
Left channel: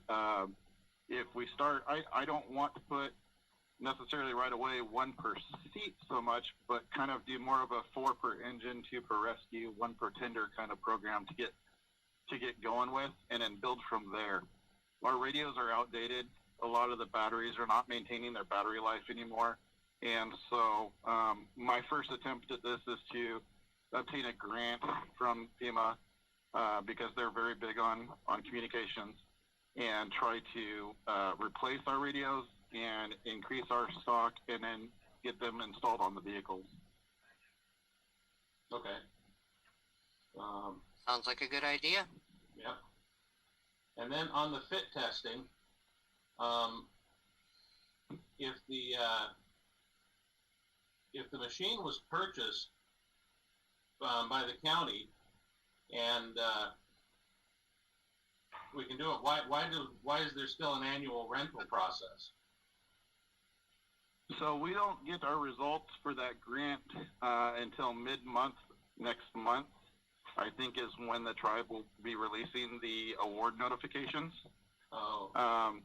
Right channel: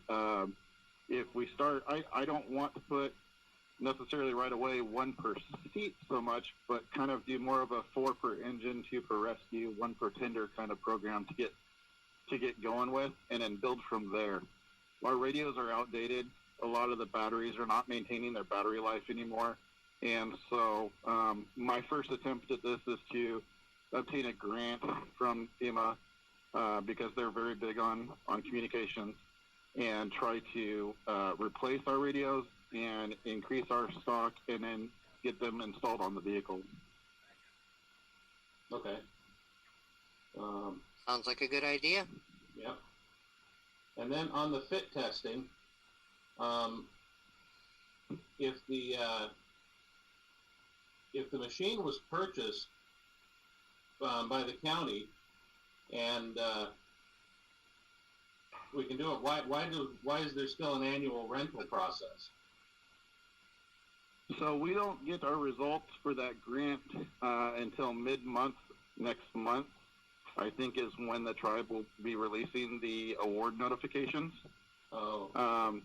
if we start, I don't want to put necessarily right away 1 per seat so much, but kind of do more of a 4 per engine, 2 per rescue, 1 per tender kind of program to get going with, and then build from there. Our radios are outdated. A lot of the batteries are not maintaining their battery life anymore. And so my first attempt at this is to obtain a grant from FEMA because they're very big on communications, and try to replace our radios and increase our stock, and then get them installed on the vehicles. Okay. Sounds like a good idea. Yep. And then on the fit testing, if the machine was purchased by the county, and we can do it, why is there still an annual rental process? So we don't get our results for that grant until mid-month next month, I think, is when the tribe will be releasing the award notifications. Oh.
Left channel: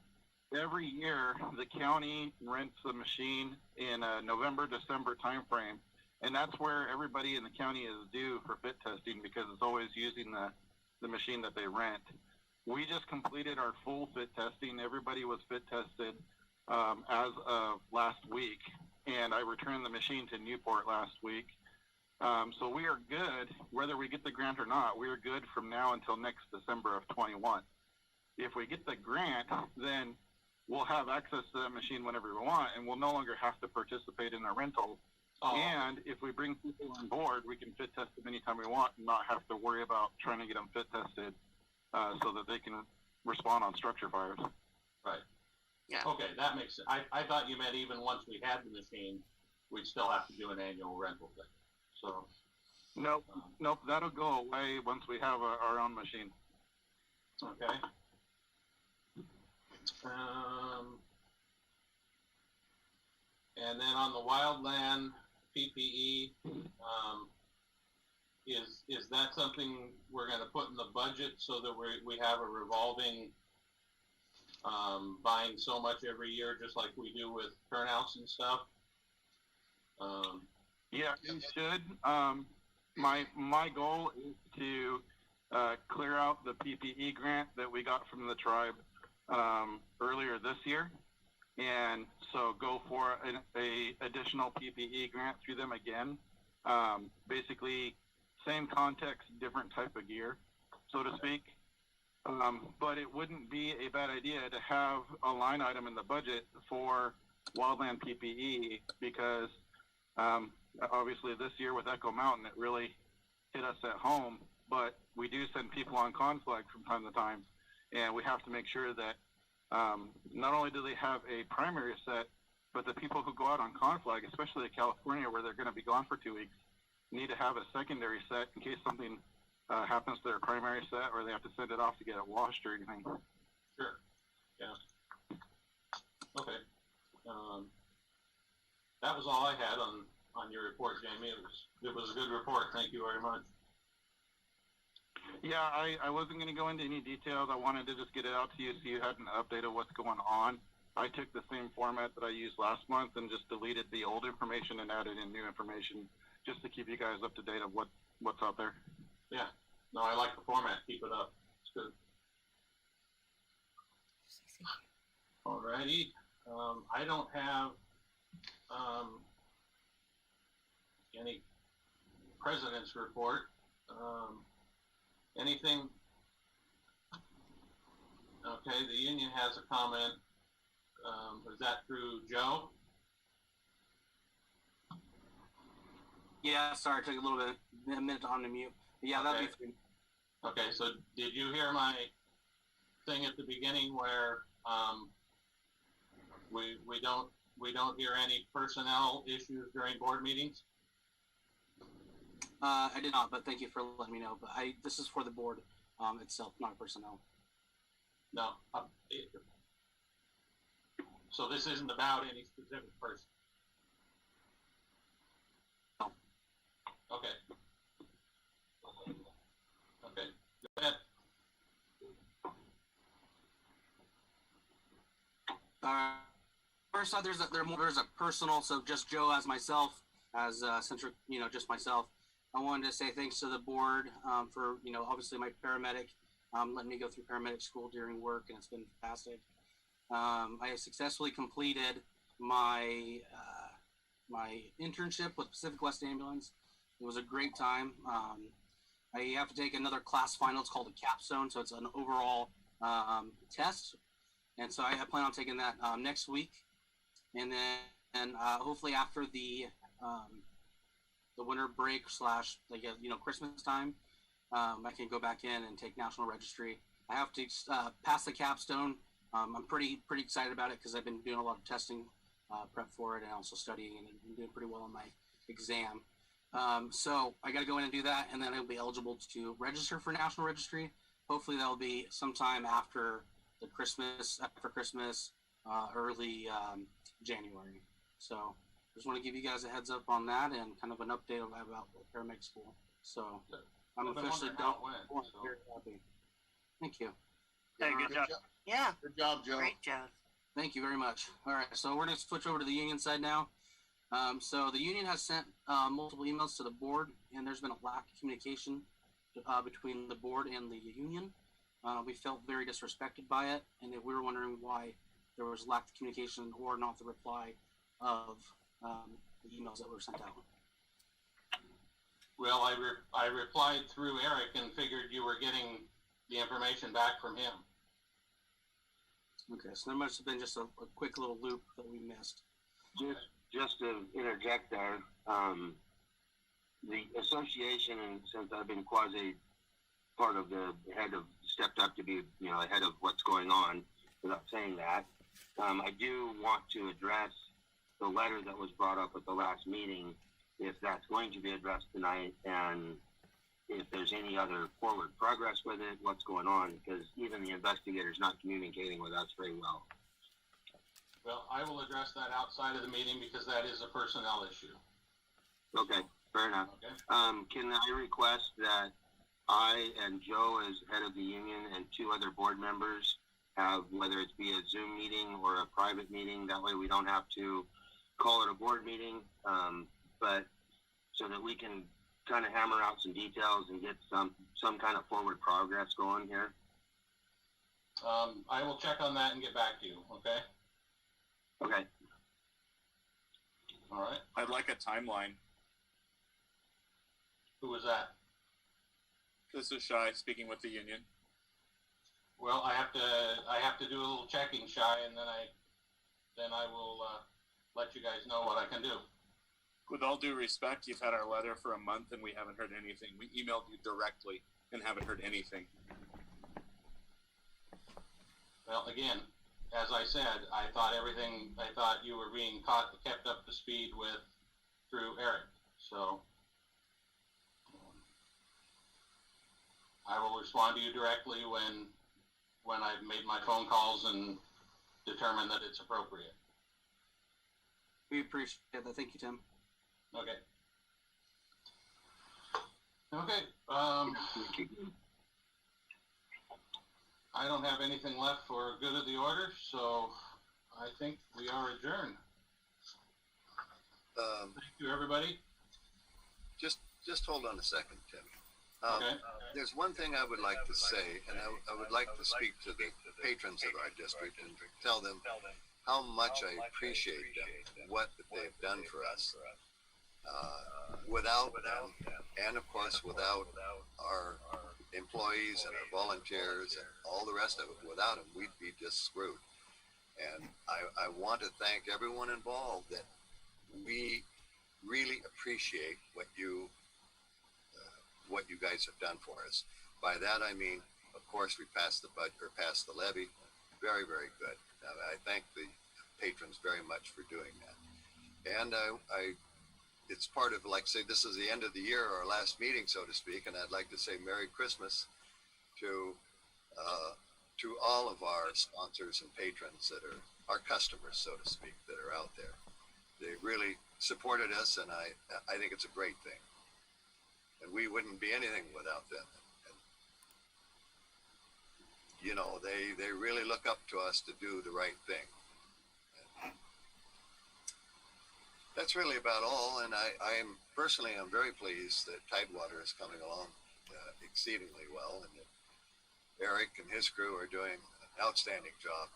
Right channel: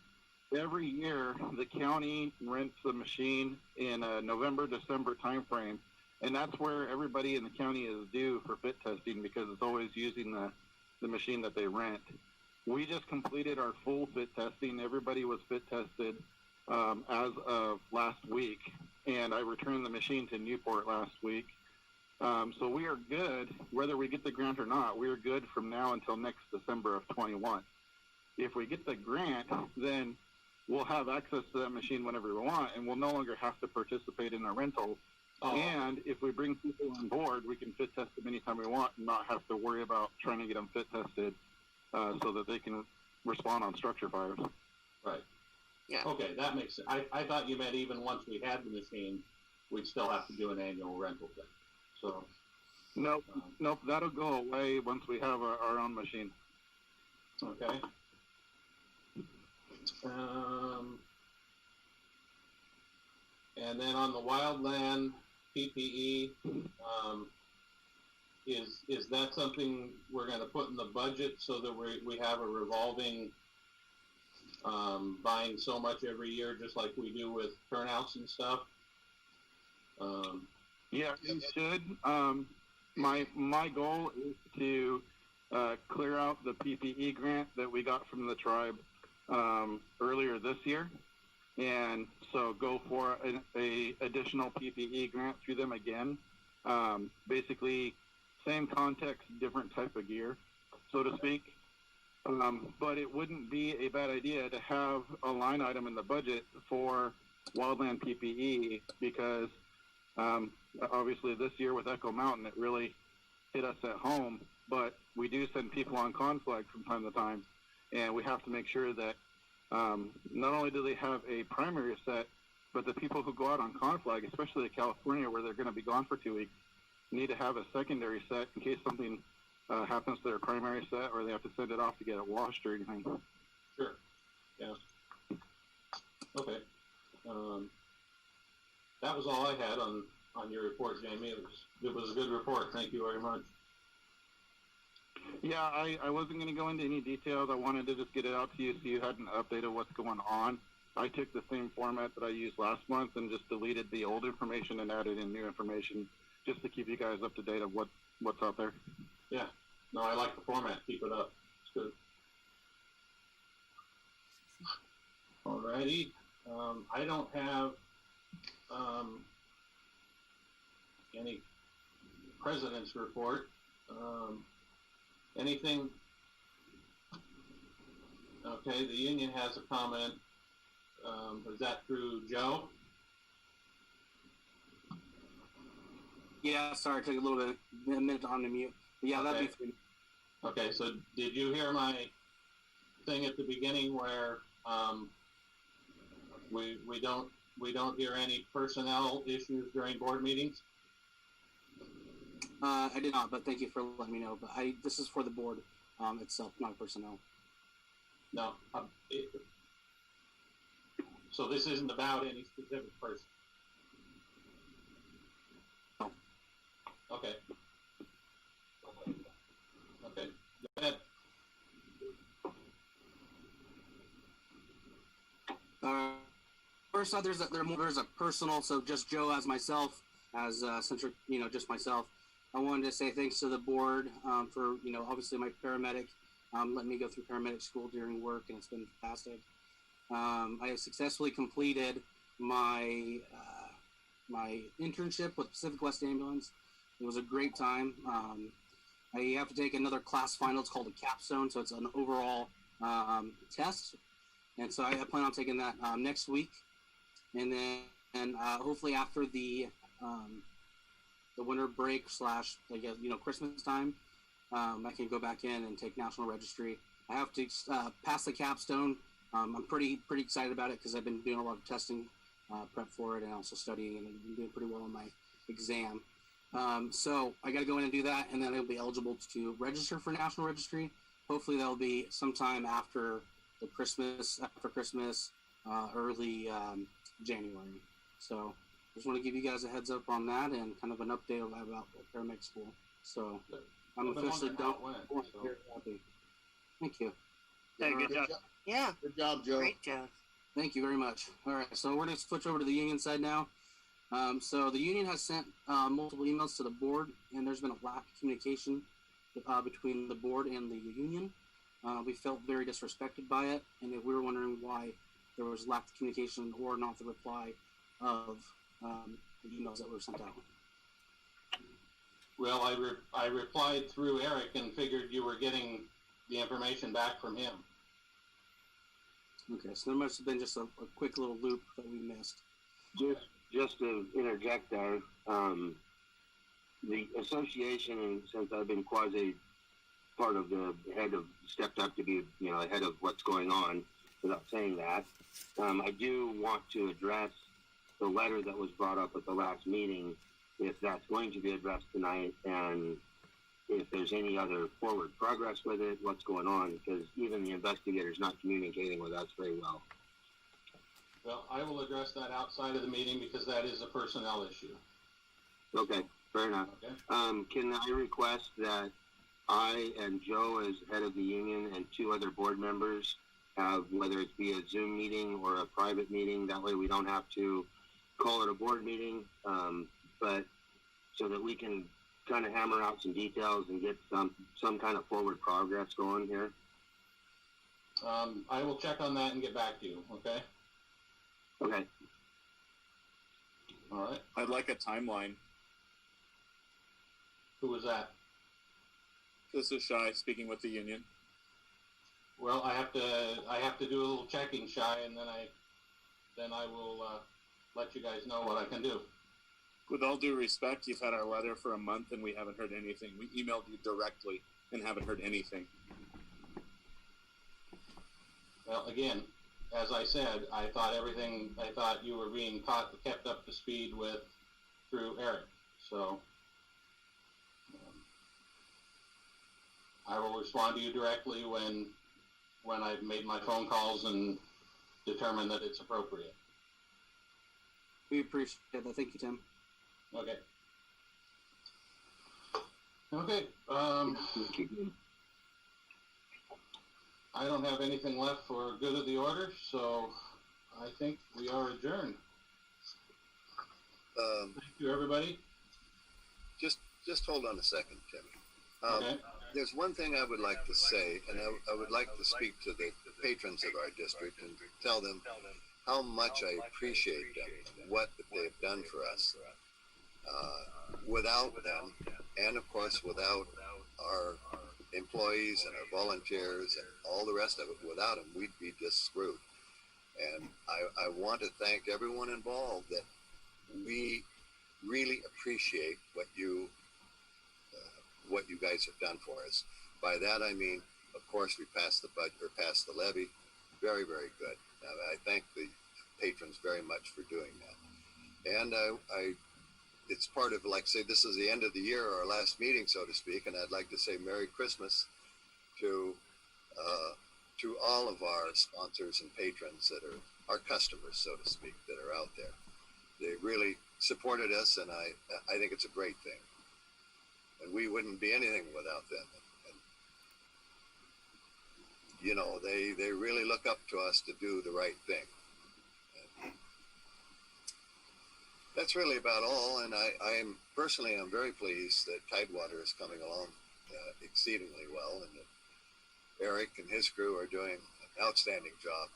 Every year, the county rents the machine in a November-December timeframe, and that's where everybody in the county is due for fit testing, because it's always using the machine that they rent. We just completed our full fit testing. Everybody was fit tested as of last week, and I returned the machine to Newport last week. So we are good, whether we get the grant or not. We are good from now until next December of 21. If we get the grant, then we'll have access to that machine whenever we want, and we'll no longer have to participate in a rental. Oh. And if we bring people on board, we can fit test them anytime we want and not have to worry about trying to get them fit tested so that they can respond on structure fires. Right. Yeah. Okay, that makes sense. I thought you meant even once we had the machine, we'd still have to do an annual rental thing. So. Nope, that'll go away once we have our own machine. Okay. And then on the wildland PPE, is that something we're going to put in the budget so that we have a revolving buying so much every year, just like we do with turnouts and stuff? Yeah, you should. My goal is to clear out the PPE grant that we got from the tribe earlier this year, and so go for a additional PPE grant through them again. Basically, same context, different type of gear, so to speak. But it wouldn't be a bad idea to have a line item in the budget for wildland PPE because obviously this year with Echo Mountain, it really hit us at home, but we do send people on conflict from time to time, and we have to make sure that not only do they have a primary set, but the people who go out on conflict, especially in California where they're going to be gone for 2 weeks, need to have a secondary set in case something happens to their primary set or they have to send it off to get it washed or anything. Sure. Yeah. Okay. That was all I had on your report, Jamie. It was a good report. Thank you very much. Yeah, I wasn't going to go into any details. I wanted to just get it out to you so you had an update of what's going on. I took the same format that I used last month and just deleted the old information and added in new information just to keep you guys up to date of what's out there. Yeah. No, I like the format. Keep it up. It's good. Alrighty. I don't have any president's report. Anything? Okay, the union has a comment. Is that through Joe? Yeah, sorry, it took a minute to unmute. Yeah, Okay. that'd be free. Okay, so did you hear my thing at the beginning where we don't hear any personnel issues during board meetings? I did not, but thank you for letting me know. But this is for the board itself, not personnel. No. So this isn't about any specific person? No. Okay. Okay. Go ahead. First off, there's a personal, so just Joe as myself, as centric, just myself. I wanted to say thanks to the board for, obviously my paramedic, letting me go through paramedic school during work, and it's been fantastic. I have successfully completed my my internship with Pacific West Ambulance. It was a great time. I have to take another class final. It's called a capstone, so it's an overall test. And so I plan on taking that next week, and then hopefully after the winter break / Christmas time, I can go back in and take National Registry. I have to pass the capstone. I'm pretty excited about it because I've been doing a lot of testing prep for it and also studying, and I'm doing pretty well on my exam. So I got to go in and do that, and then I'll be eligible to register for National Registry. Hopefully that'll be sometime after Christmas, early January. So just want to give you guys a heads up on that and kind of an update about paramedic school. So I'm officially done. Very happy. Thank you. Hey, good job. Yeah. Good job, Joe. Great job. Thank you very much. All right, so we're going to switch over to the union side now. So the union has sent multiple emails to the board, and there's been a lack of communication between the board and the union. We felt very disrespected by it, and we were wondering why there was lack of communication or not the reply of the emails that were sent out. Well, I replied through Eric and figured you were getting the information back from him. Okay, so there must have been just a quick little loop that we missed. Just to interject there, the association, and since I've been quasi part of the head of, stepped up to be, ahead of what's going on, without saying that, I do want to address the letter that was brought up at the last meeting, if that's going to be addressed tonight, and if there's any other forward progress with it, what's going on, because even the investigator's not communicating with us very well. Well, I will address that outside of the meeting because that is a personnel issue. Okay, fair enough. Okay. Can I request that I and Joe, as head of the union, and 2 other board members have, whether it's be a Zoom meeting or a private meeting, that way we don't have to call it a board meeting, but so that we can kind of hammer out some details and get some kind of forward progress going here? I will check on that and get back to you, okay? Okay. All right. I'd like a timeline. Who was that? This is Shy speaking with the union. Well, I have to do a little checking, Shy, and then I will let you guys know what I can do. With all due respect, you've had our letter for a month and we haven't heard anything. We emailed you directly and haven't heard anything. Well, again, as I said, I thought you were being kept up to speed through Eric. So I will respond to you directly when I've made my phone calls and determine that it's appropriate. We appreciate that. Thank you, Tim. Okay. Okay. I don't have anything left for good of the order, so I think we are adjourned. Thank you, everybody. Just hold on a second, Timmy. Okay. There's one thing I would like to say, and I would like to speak to the patrons of our district and tell them how much I appreciate them, what they've done for us. Without them, and of course without our employees and our volunteers and all the rest of it, without them, we'd be just screwed. And I want to thank everyone involved, that we really appreciate what you guys have done for us. By that I mean, of course, we passed the budget, or passed the levy. Very, very good. I thank the patrons very much for doing that. And it's part of, like, say, this is the end of the year, our last meeting, so to speak, and I'd like to say Merry Christmas to all of our sponsors and patrons that are our customers, so to speak, that are out there. They really supported us, and I think it's a great thing. And we wouldn't be anything without them. And, they really look up to us to do the right thing. And that's really about all. And I'm very pleased that Tidewater is coming along exceedingly well, and that Eric and his crew are doing an outstanding job.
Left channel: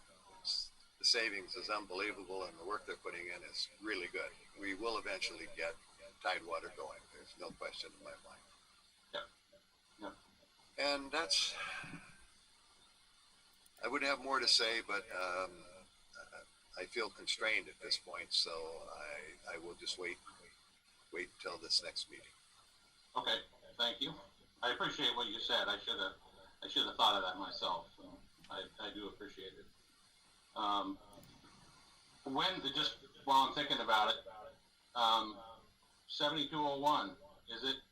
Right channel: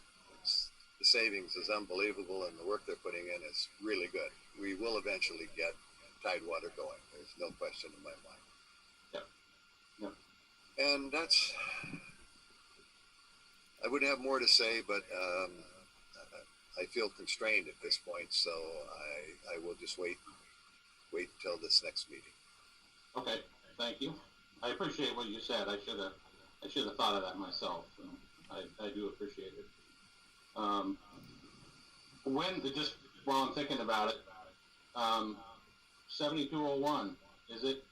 The savings is unbelievable, and the work they're putting in is really good. We will eventually get Tidewater going. There's no question in my mind. Yep. And I would have more to say, but I feel constrained at this point, so I will just wait until this next meeting. Okay. Thank you. I appreciate what you said. I should have thought of that myself. So I do appreciate it. Just while I'm thinking about it, 7201, is it?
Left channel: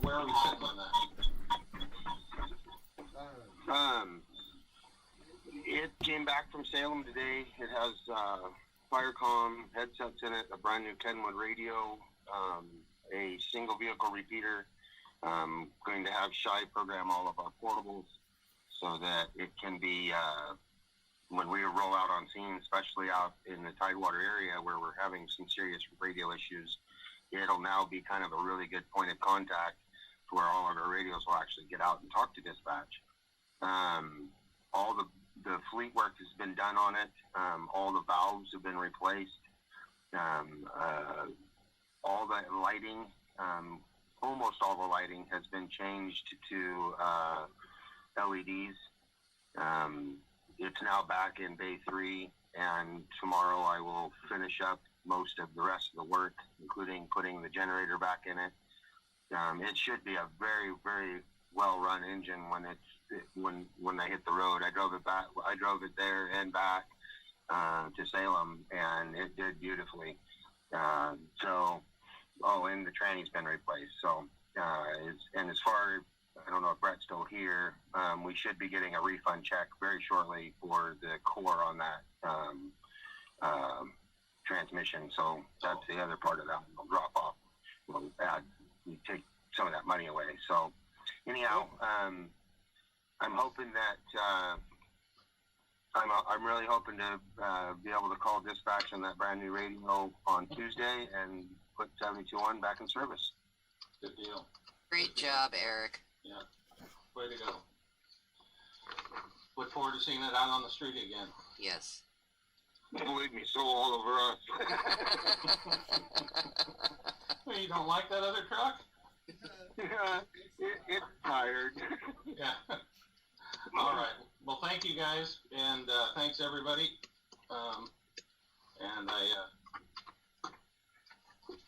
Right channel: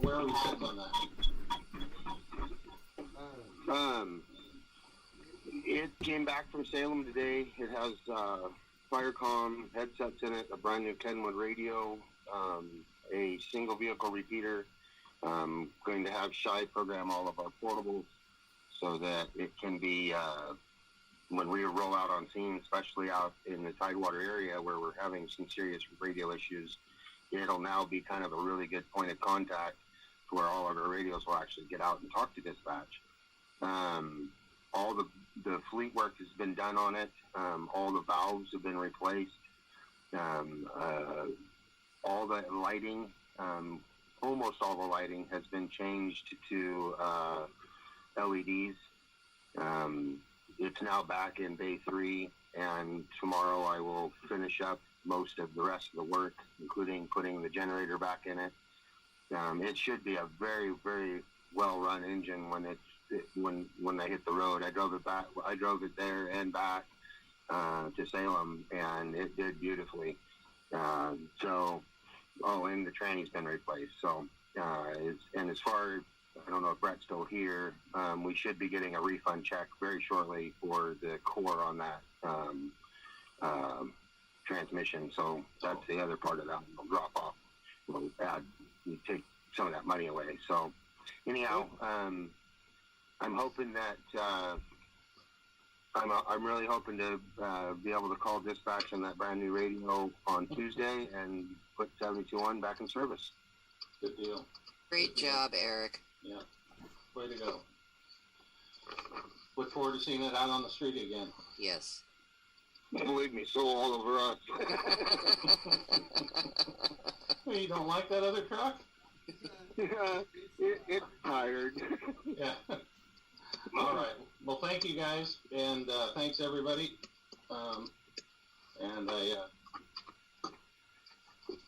Where are we sitting on that? It came back from Salem today. It has Firecom headsets in it, a brand new Kenwood radio, a single vehicle repeater. Going to have Shy program all of our portables so that it can be, when we roll out on scene, especially out in the Tidewater area where we're having some serious radio issues, it'll now be kind of a really good point of contact to where all of our radios will actually get out and talk to dispatch. All the fleet work has been done on it. All the valves have been replaced. All the lighting, almost all the lighting has been changed to LEDs. It's now back in Bay 3, and tomorrow I will finish up most of the rest of the work, including putting the generator back in it. It should be a very, very well-run engine when I hit the road. I drove it back. I drove it there and back to Salem, and it did beautifully. And the tranny's been replaced. So, and as far, I don't know if Brett's still here, we should be getting a refund check very shortly for the core on that transmission. So that's the other part of that. We'll drop off. We'll take some of that money away. So anyhow, I'm hoping that I'm really hoping to be able to call dispatch on that brand new radio on Tuesday and put 72-1 back in service. Good deal. Great job, Eric. Yeah. Way to go. Look forward to seeing it out on the street again. Yes. Believe me, so all over us. Well, you don't like that other truck? It's tired. Yeah. All right. Well, thank you guys, and thanks everybody. And I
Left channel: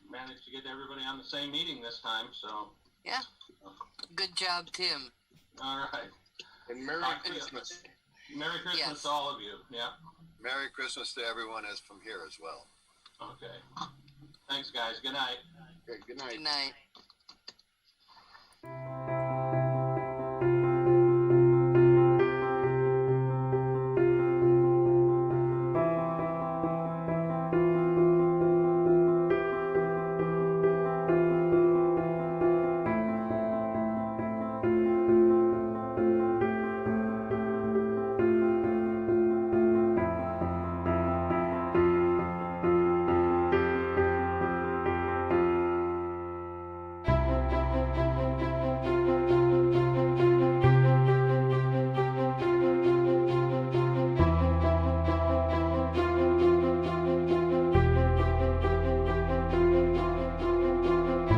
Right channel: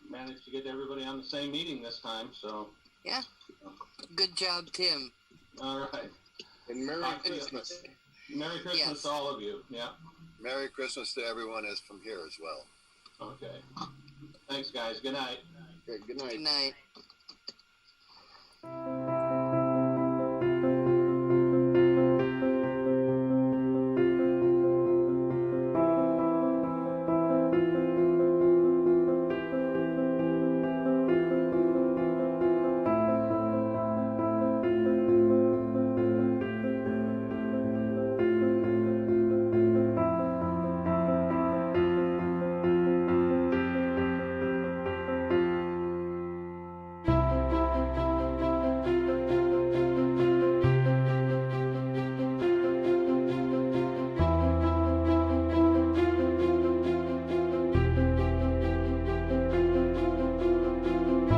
managed to get everybody on the same meeting this time, so. Yeah. Good job, Tim. All right. And Merry Christmas. Merry Christmas Yes. to all of you. Yeah. Merry Christmas to everyone as from here as well. Okay. Thanks, guys. Good night. Okay, good night. Good night.